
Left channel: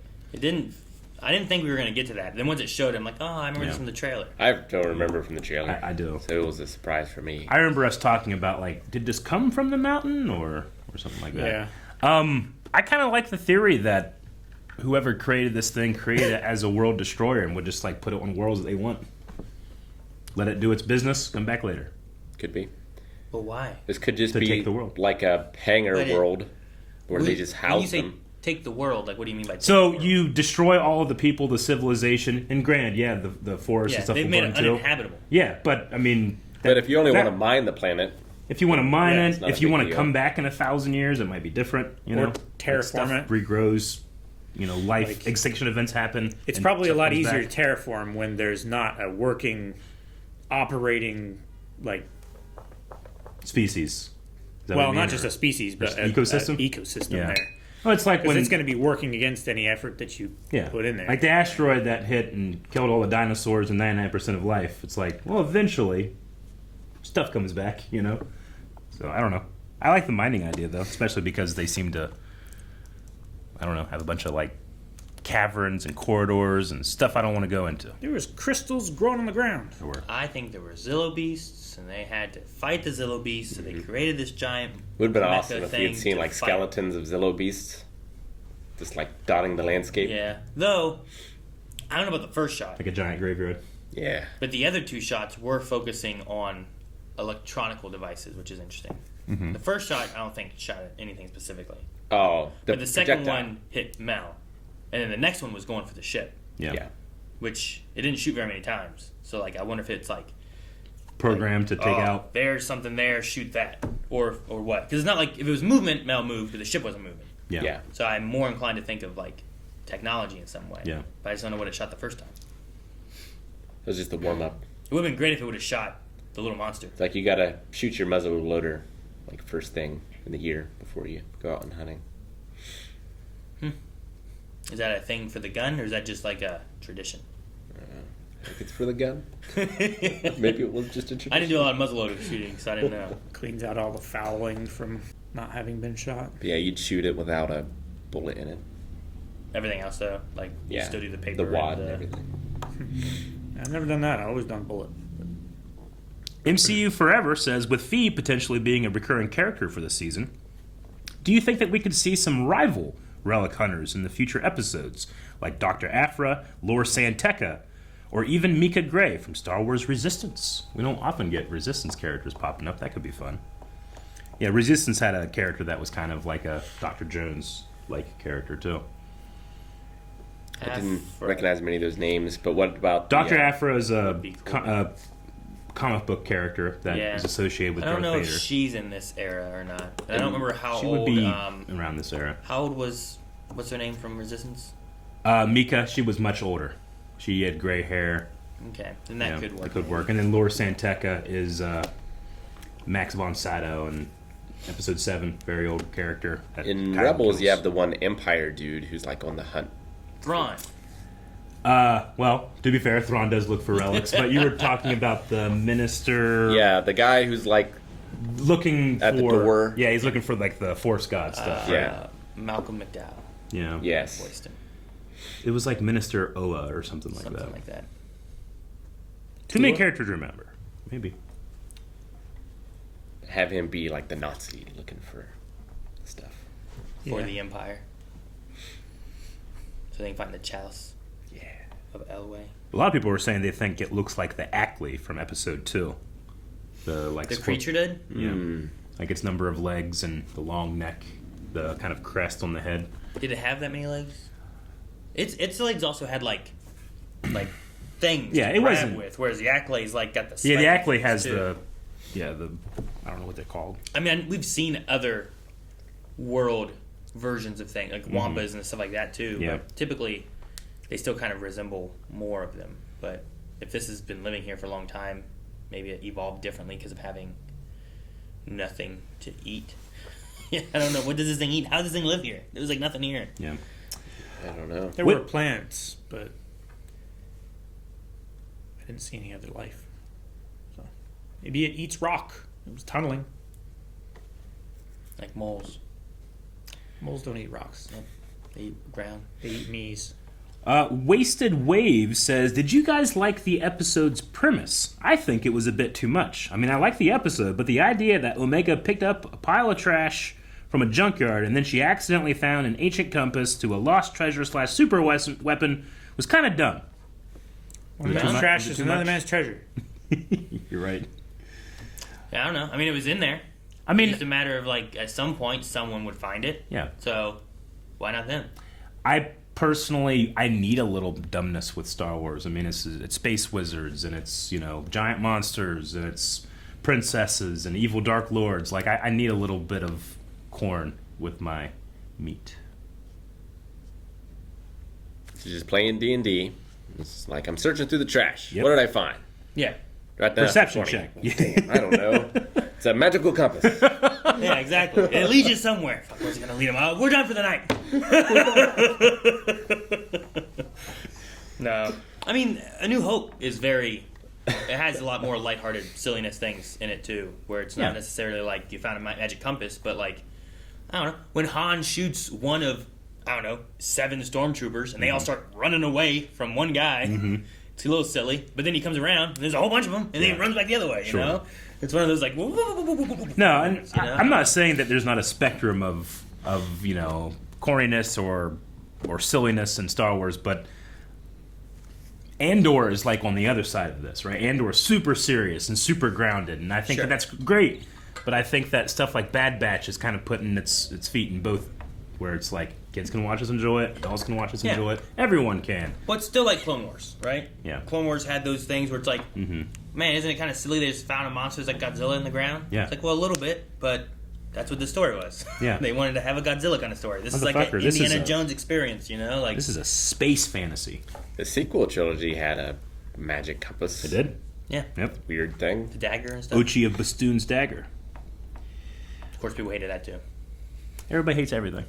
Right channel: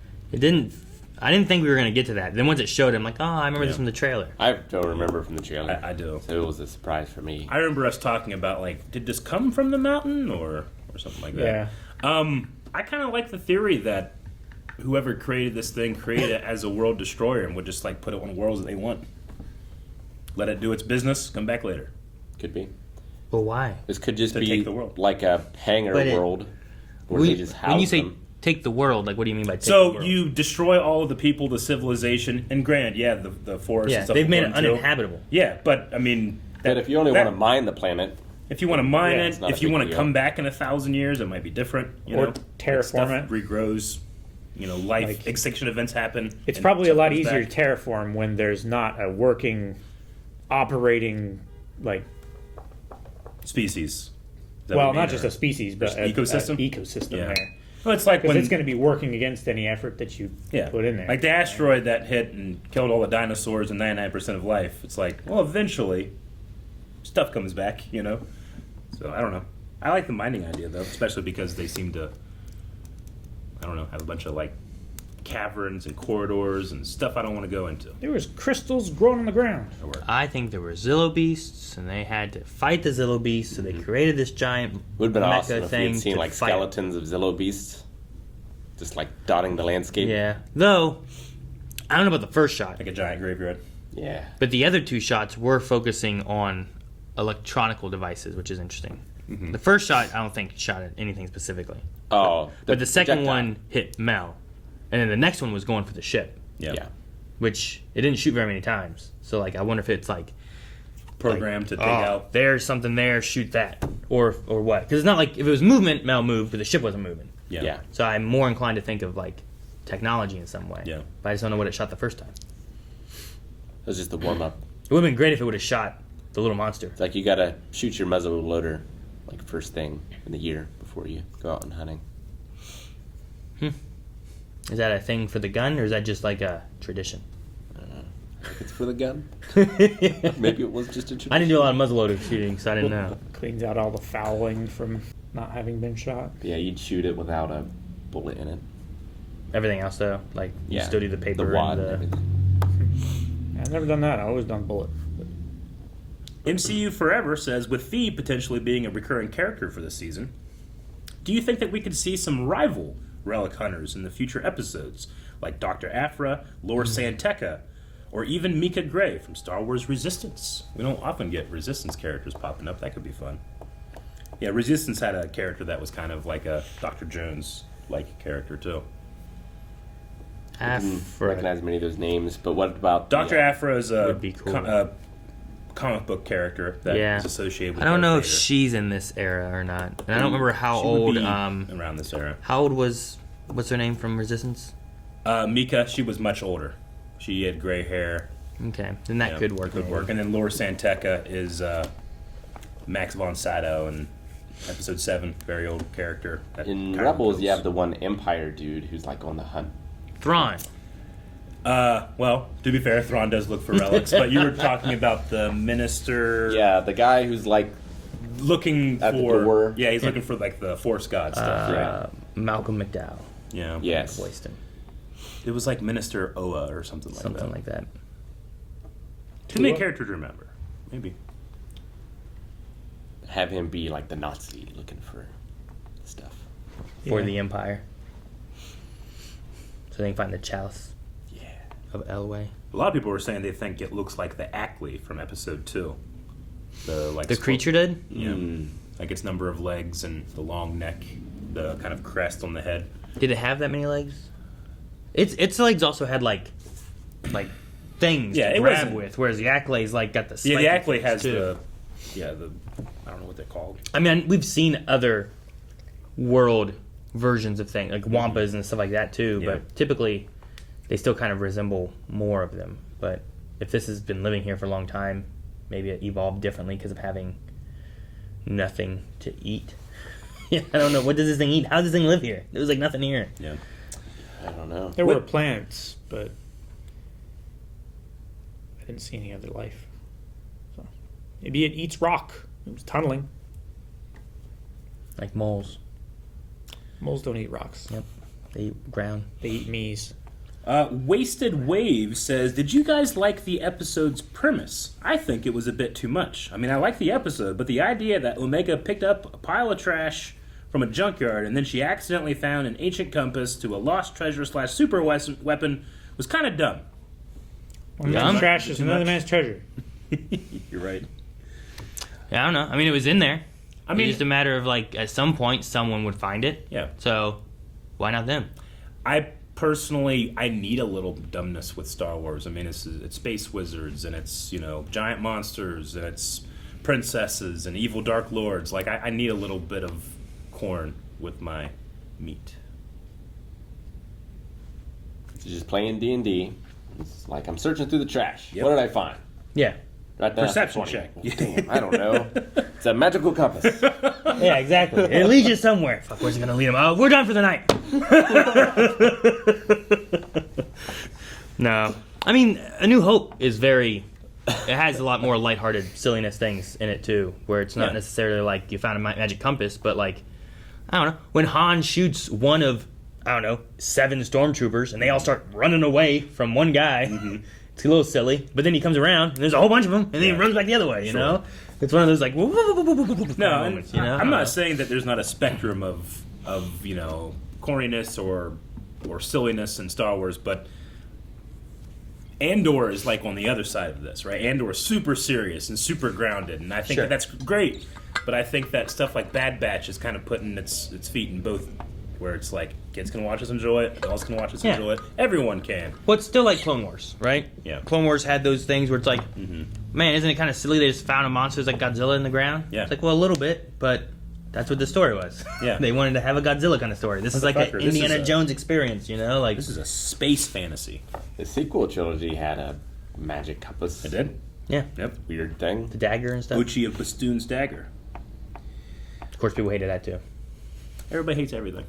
I didn't think we were going to get to that. Then once it showed, I'm like, oh, I remember this from the trailer. I don't remember from the trailer. I do. So it was a surprise for me. I remember us talking about, like, did this come from the mountain or something like that? Yeah. I kind of like the theory that whoever created this thing created it as a world destroyer and would just, like, put it on worlds that they want. Let it do its business, come back later. Could be. But why? This could just To be take the world. like a hangar But world where they just house when you say them. take the world, like, what do you mean by take the So world? you destroy all of the people, the civilization, and granted, the forest Yeah, and stuff they've will made it burn too. uninhabitable. Yeah, but, I mean... But if you only that- want to mine the planet, If you want to mine Yeah, it, it's not if a you big want to deal. come back in 1,000 years, it might be different. You Or know, terraform stuff it. regrows. You know, life Like- extinction events happen. It's and probably a stuff lot comes easier back. to terraform when there's not a working, operating, like, Species. Is that well, what you not mean, just or- a species, but just an ecosystem? ecosystem Yeah. there. Well, it's like Because when it's going to be working against any effort that you put in there. like the asteroid that hit and killed all the dinosaurs and 99% of life. It's like, well, eventually, stuff comes back. You know. So I don't know. I like the mining idea though, especially because they seem to, I don't know, have have a bunch of like caverns and corridors and stuff I don't want to go into. There was crystals growing on the ground. I think there were Zillo beasts, and they had to fight the Zillo beasts, so they created this giant Would have been mecha awesome if we thing had seen to like fight. skeletons of Zillo beasts, just like dotting the landscape. Yeah, though I don't know about the first shot, Like a giant graveyard. Yeah. but the other two shots were focusing on electronical devices, which is interesting. The first shot, I don't think shot at anything specifically, Oh, but the second projectile. one hit Mel, and then the next one was going for the ship, Yeah. which it didn't shoot very many times. So like, I wonder if it's like Programmed to take oh, out. there's something there, shoot that, or what? Because it's not like if it was movement, Mel moved, but the ship wasn't moving. Yeah. Yeah. So I'm more inclined to think of like technology in some way. Yeah. But I just don't know what it shot the first time. It was just the warm up. It would have been great if it would have shot the little monster. It's like you gotta shoot your muzzle loader like first thing in the year before you go out and hunting. Is that a thing for the gun, or is that just like a tradition? It's for the gun. Maybe it was just a tradition. I didn't do a lot of muzzleloader shooting, so I didn't know. Cleans out all the fouling from not having been shot. Yeah, you'd shoot it without a bullet in it. Everything else though, like you Yeah, still do the paper the wad and and the. everything. I've never done that. I've always done bullet. MCU Forever says, with Fee potentially being a recurring character for this season, do you think that we could see some rival relic hunters in the future episodes, like Dr. Aphra, Lor Santeca, or even Mika Gray from Star Wars Resistance? We don't often get Resistance characters popping up. That could be fun. Yeah, Resistance had a character that was kind of like a Dr. Jones-like character, too. Didn't recognize many of those names, but what about Dr. the, Aphra is a Would be cool. comic book character that is Yeah. associated with I don't Darth know if Vader. she's in this era or not, and I don't remember how She would old. be around this era. How old was what's her name from Resistance? Mika, she was much older. She had gray hair. Okay, then that Yeah, could work. Could maybe. work. And then Lor Santeca is Max von Sydow in Episode 7, very old character. that in kinda Rebels, kills. you have the one Empire dude who's like on the hunt. Thrawn. Well, to be fair, Thrawn does look for relics, but you were talking about the minister Yeah, the guy who's like, looking At the for... door. Yeah, he's looking for, like, the Force God stuff. yeah. Malcolm McDowell Yeah. Yes. voiced him. It was like Minister Oa or something like Something that. like that. Too many characters to remember. Maybe. Have him be like the Nazi looking for stuff. For the Empire. So they can find the chalice of Elway. A lot of people were saying they think it looks like the Acklay from Episode 2. The creature did? Yeah. Like its number of legs and the long neck, the kind of crest on the head. Did it have that many legs? Its legs also had like things Yeah, to it grab wasn't- with, whereas the Acclay's like got the Yeah, the spiky Acklay things, has too. the I don't know what they're called. I mean, we've seen other world versions of things, like Wampas and stuff like that too, Yeah. but typically they still kind of resemble more of them. But if this has been living here for a long time, maybe it evolved differently because of having nothing to eat. Yeah, I don't know. What does this thing eat? How does this thing live here? There was like nothing here. Yeah. I don't know. There What- were plants, but I didn't see any other life. So maybe it eats rock. It was tunneling. Like moles. Moles don't eat rocks. Yep. They eat ground. They eat me's. Wasted Wave says, did you guys like the episode's premise? I think it was a bit too much. I mean, I like the episode, but the idea that Omega picked up a pile of trash from a junkyard and then she accidentally found an ancient compass to a lost treasure / super weapon was kind of dumb. One Dumb. man's trash is Too another much? man's treasure. You're right. Yeah, I don't know. I mean, it was in there. I mean, It's just a matter of like at some point someone would find it. yeah. So why not them? I personally, I need a little dumbness with Star Wars. I mean, it's space wizards and it's, giant monsters and it's princesses and evil dark lords. Like, I need a little bit of corn with my meat. So just playing D&D. It's like I'm searching through the trash. Yep. What did I find? Yeah. Right there. Perception 20. check. I don't know. It's a magical compass. Yeah, exactly. It leads you somewhere. Fuck, where's it gonna lead him? Oh, we're done for the night. No, I mean, A New Hope is very. It has a lot more lighthearted silliness things in it too, where it's not Yeah. necessarily like you found a magic compass, but like I don't know when Han shoots one of I don't know, 7 stormtroopers, and they all start running away from one guy. It's a little silly, but then he comes around, and there's a whole bunch of them, and then he runs back the other way, you know? It's one of those, like, No, and moments, you know? I'm not saying that there's not a spectrum of you know, corniness or silliness in Star Wars, but Andor is like on the other side of this, right? Andor is super serious and super grounded, and I think that's great. But I think that stuff like Bad Batch is kind of putting its feet in both, where it's like kids can watch us enjoy it, adults can watch us enjoy it, everyone can. Well, it's still like Clone Wars, right? Yeah. Clone Wars had those things where it's like, man, isn't it kind of silly they just found a monster like Godzilla in the ground? Yeah. It's like, well, a little bit, but that's what the story was. Yeah. They wanted to have a Godzilla kind of story. This is like an Motherfucker, this is Indiana a- Jones experience, you know? Like This is a space fantasy. The sequel trilogy had a magic compass. It did? Yeah. Yep. Weird thing. The dagger and stuff. Uchi of Bastoon's dagger. Of course, people hated that too. Everybody hates everything.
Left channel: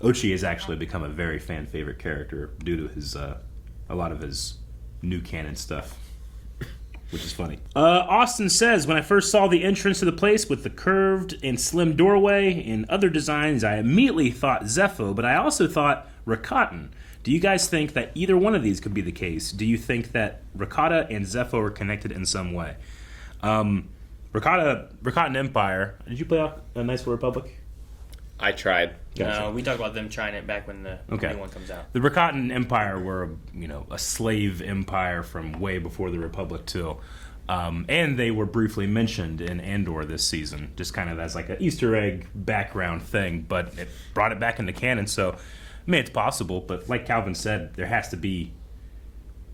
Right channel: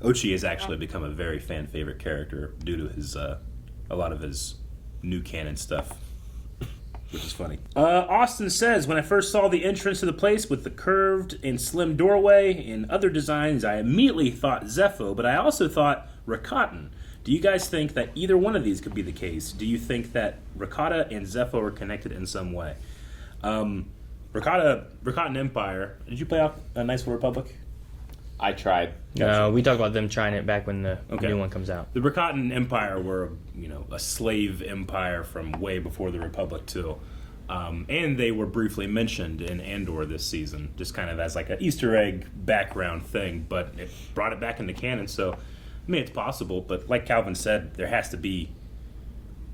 Ochi has actually become a very fan favorite character due to his a lot of his new canon stuff, which is funny. Austin says, when I first saw the entrance to the place with the curved and slim doorway and other designs, I immediately thought Zeffo, but I also thought Rakatan. Do you guys think that either one of these could be the case? Do you think that Rakata and Zeffo are connected in some way? Rakatan Empire. Did you play a Knights of the Republic? I tried. No, we talked about them trying it back when the new one comes out. The Rakatan Empire were, a slave empire from way before the Republic too, and they were briefly mentioned in Andor this season, just kind of as like an Easter egg background thing. But it brought it back into canon, so I mean it's possible. But like Calvin said, there has to be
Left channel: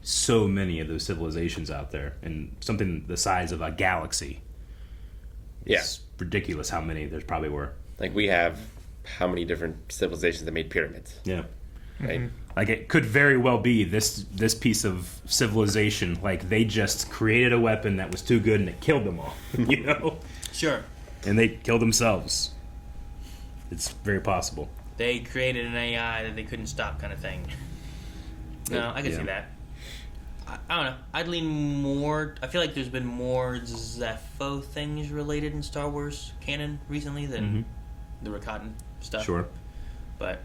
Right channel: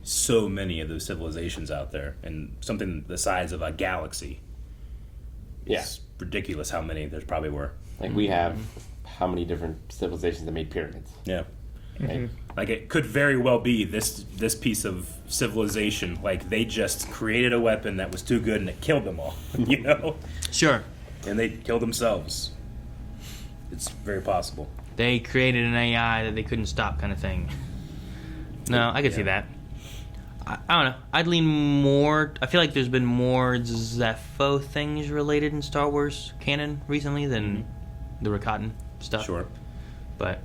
so many of those civilizations out there, and something the size of a galaxy. Yeah. It's ridiculous how many there probably were. Like we have how many different civilizations that made pyramids? Yeah. Right? Like it could very well be this piece of civilization. Like they just created a weapon that was too good and it killed them all. Sure. And they killed themselves. It's very possible. They created an AI that they couldn't stop, kind of thing. No, I could see that. I don't know. I'd lean more. I feel like there's been more Zeffo things related in Star Wars canon recently than the Rakatan stuff. Sure. But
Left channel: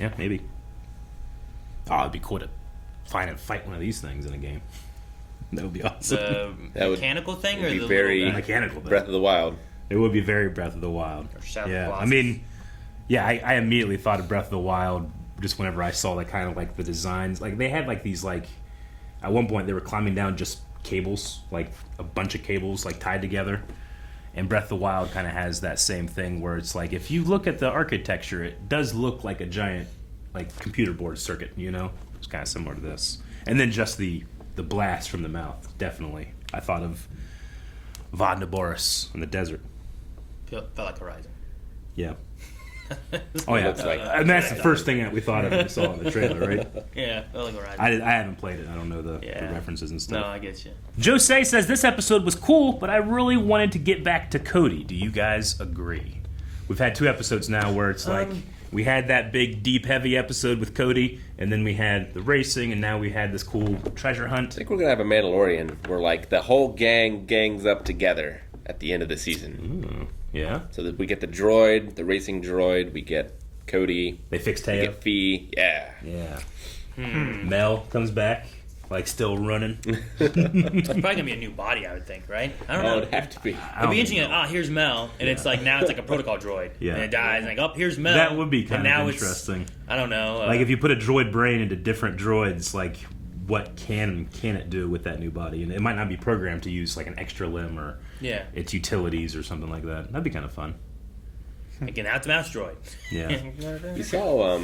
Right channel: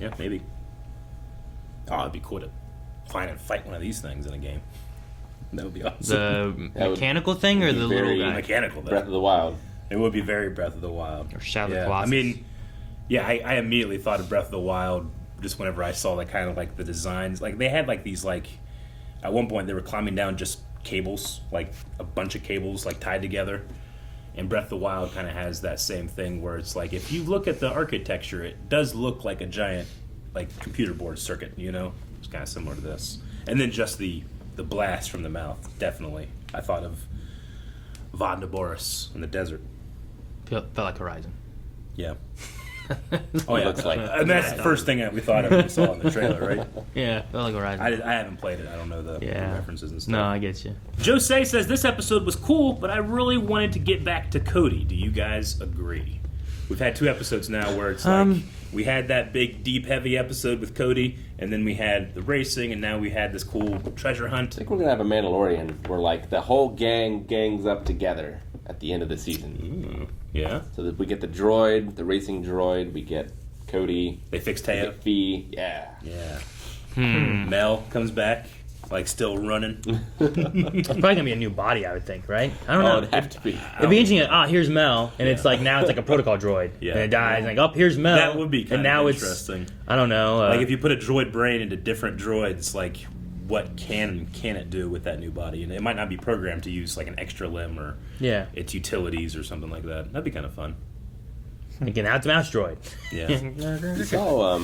yeah, maybe. Oh, it'd be cool to find and fight one of these things in a game. That would be awesome. the mechanical thing or the very little guy? Mechanical though. Breath of the Wild. It would be very Breath of the Wild. Or Shadow of the Yeah, Colossus. I mean, yeah, I immediately thought of Breath of the Wild just whenever I saw that kind of like the designs. Like they had like these like at one point they were climbing down just cables, like a bunch of cables like tied together. And Breath of the Wild kind of has that same thing where it's like if you look at the architecture, it does look like a giant like computer board circuit, It's kind of similar to this. And then just the blast from the mouth, definitely. I thought of Vodna Boris in the desert. Felt like Horizon. Yeah. Oh yeah, Looks like and that's the first thing that we thought of when we saw in the trailer, right? Yeah, felt like Horizon. I haven't played it. I don't know the references and stuff. No, I get you. Jose says this episode was cool, but I really wanted to get back to Cody. Do you guys agree? We've had 2 episodes now where it's like we had that big, deep, heavy episode with Cody, and then we had the racing, and now we had this cool treasure hunt. I think we're gonna have a Mandalorian where like the whole gangs up together at the end of the season. Yeah. So that we get the droid, the racing droid, we get Cody, They fixed we Taya. get Fee. Yeah. Yeah. Mel comes back, like still running. It's probably gonna be a new body, I would think, right? I don't know. It'd have to be. It'd be interesting. Here's Mel, and it's like now it's like a protocol droid, Yeah. and it dies, and like, here's Mel. That would be and kind now of it's interesting. I don't know. Like if you put a droid brain into different droids, like what can it do with that new body? And it might not be programmed to use like an extra limb or its utilities or something like that. That'd be kind of fun. Again, now it's a mouse droid. Yeah. You saw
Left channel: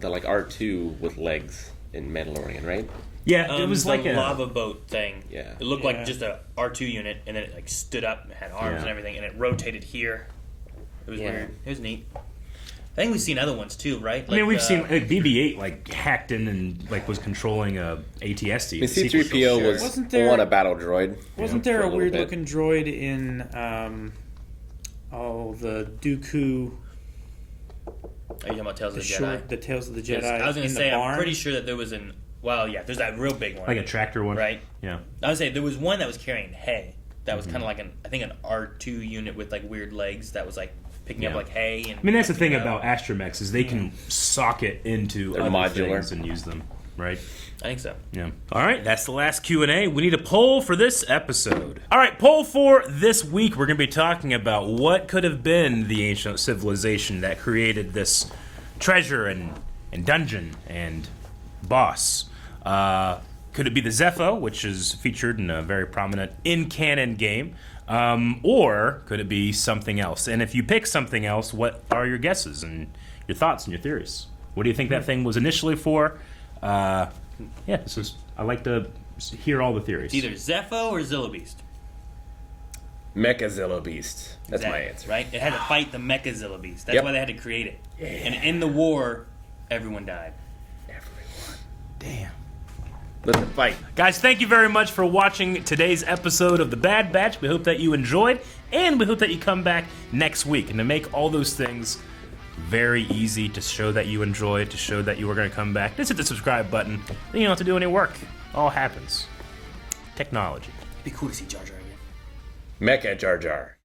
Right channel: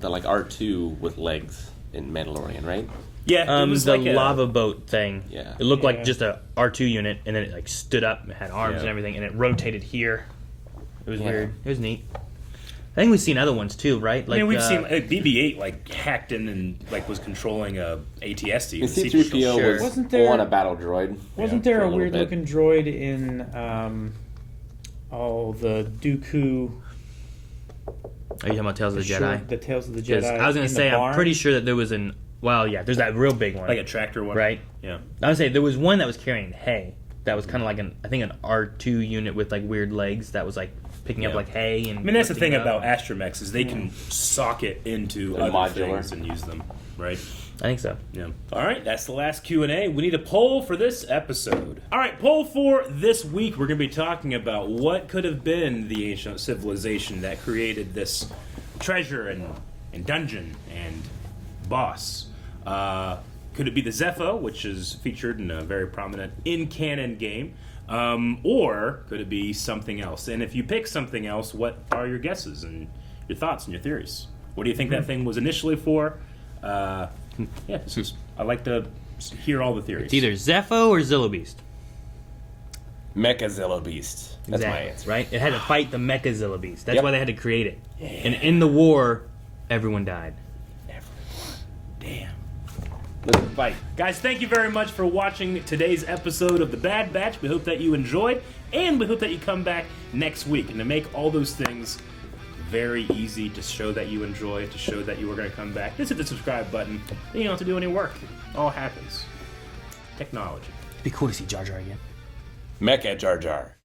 the like R2 with legs in Mandalorian, right? Yeah, it was the like a lava boat thing. Yeah. It looked like just a R2 unit, and then it like stood up and had arms Yeah. and everything, and it rotated here. It was Yeah. weird. It was neat. I think we've seen other ones too, right? Like, I mean, we've seen BB-8 like hacked in and like was controlling a ATST. And the sequel C-3PO show. was Wasn't there- on a battle droid. Wasn't for there a little weird bit. looking droid in the Dooku? Are you talking about Tales of the Jedi? short- the Tales of the 'Cause Jedi. I was gonna in say, the I'm barn? pretty sure that there was an. Well, yeah, there's that real big one, Like a tractor one, right? Yeah. I would say there was one that was carrying hay. That was kind of like an R2 unit with like weird legs. That was like picking up like hay. And I mean, that's the thing about astromechs is they can socket into They're other modular. things and use them, right? I think so. Yeah. All right, that's the last Q&A. We need a poll for this episode. All right, poll for this week. We're going to be talking about what could have been the ancient civilization that created this treasure and dungeon and boss. Could it be the Zeffo, which is featured in a very prominent in-canon game? Or could it be something else? And if you pick something else, what are your guesses and your thoughts and your theories? What do you think that thing was initially for? Yeah, I like to hear all the theories. It's either Zeffo or Zillobeast. Mecha Beast. That's my answer. Right? It had to fight the Mecha Zillobeast. That's Yep. why they had to create it. And in the war, everyone died. Damn. Let them fight. Guys, thank you very much for watching today's episode of The Bad Batch. We hope that you enjoyed, and we hope that you come back next week. And to make all those things very easy, to show that you enjoyed, to show that you were going to come back, just hit the subscribe button. Then you don't have to do any work. It all happens. Technology. Be cool to see Jar Jar again. Mecha Jar Jar.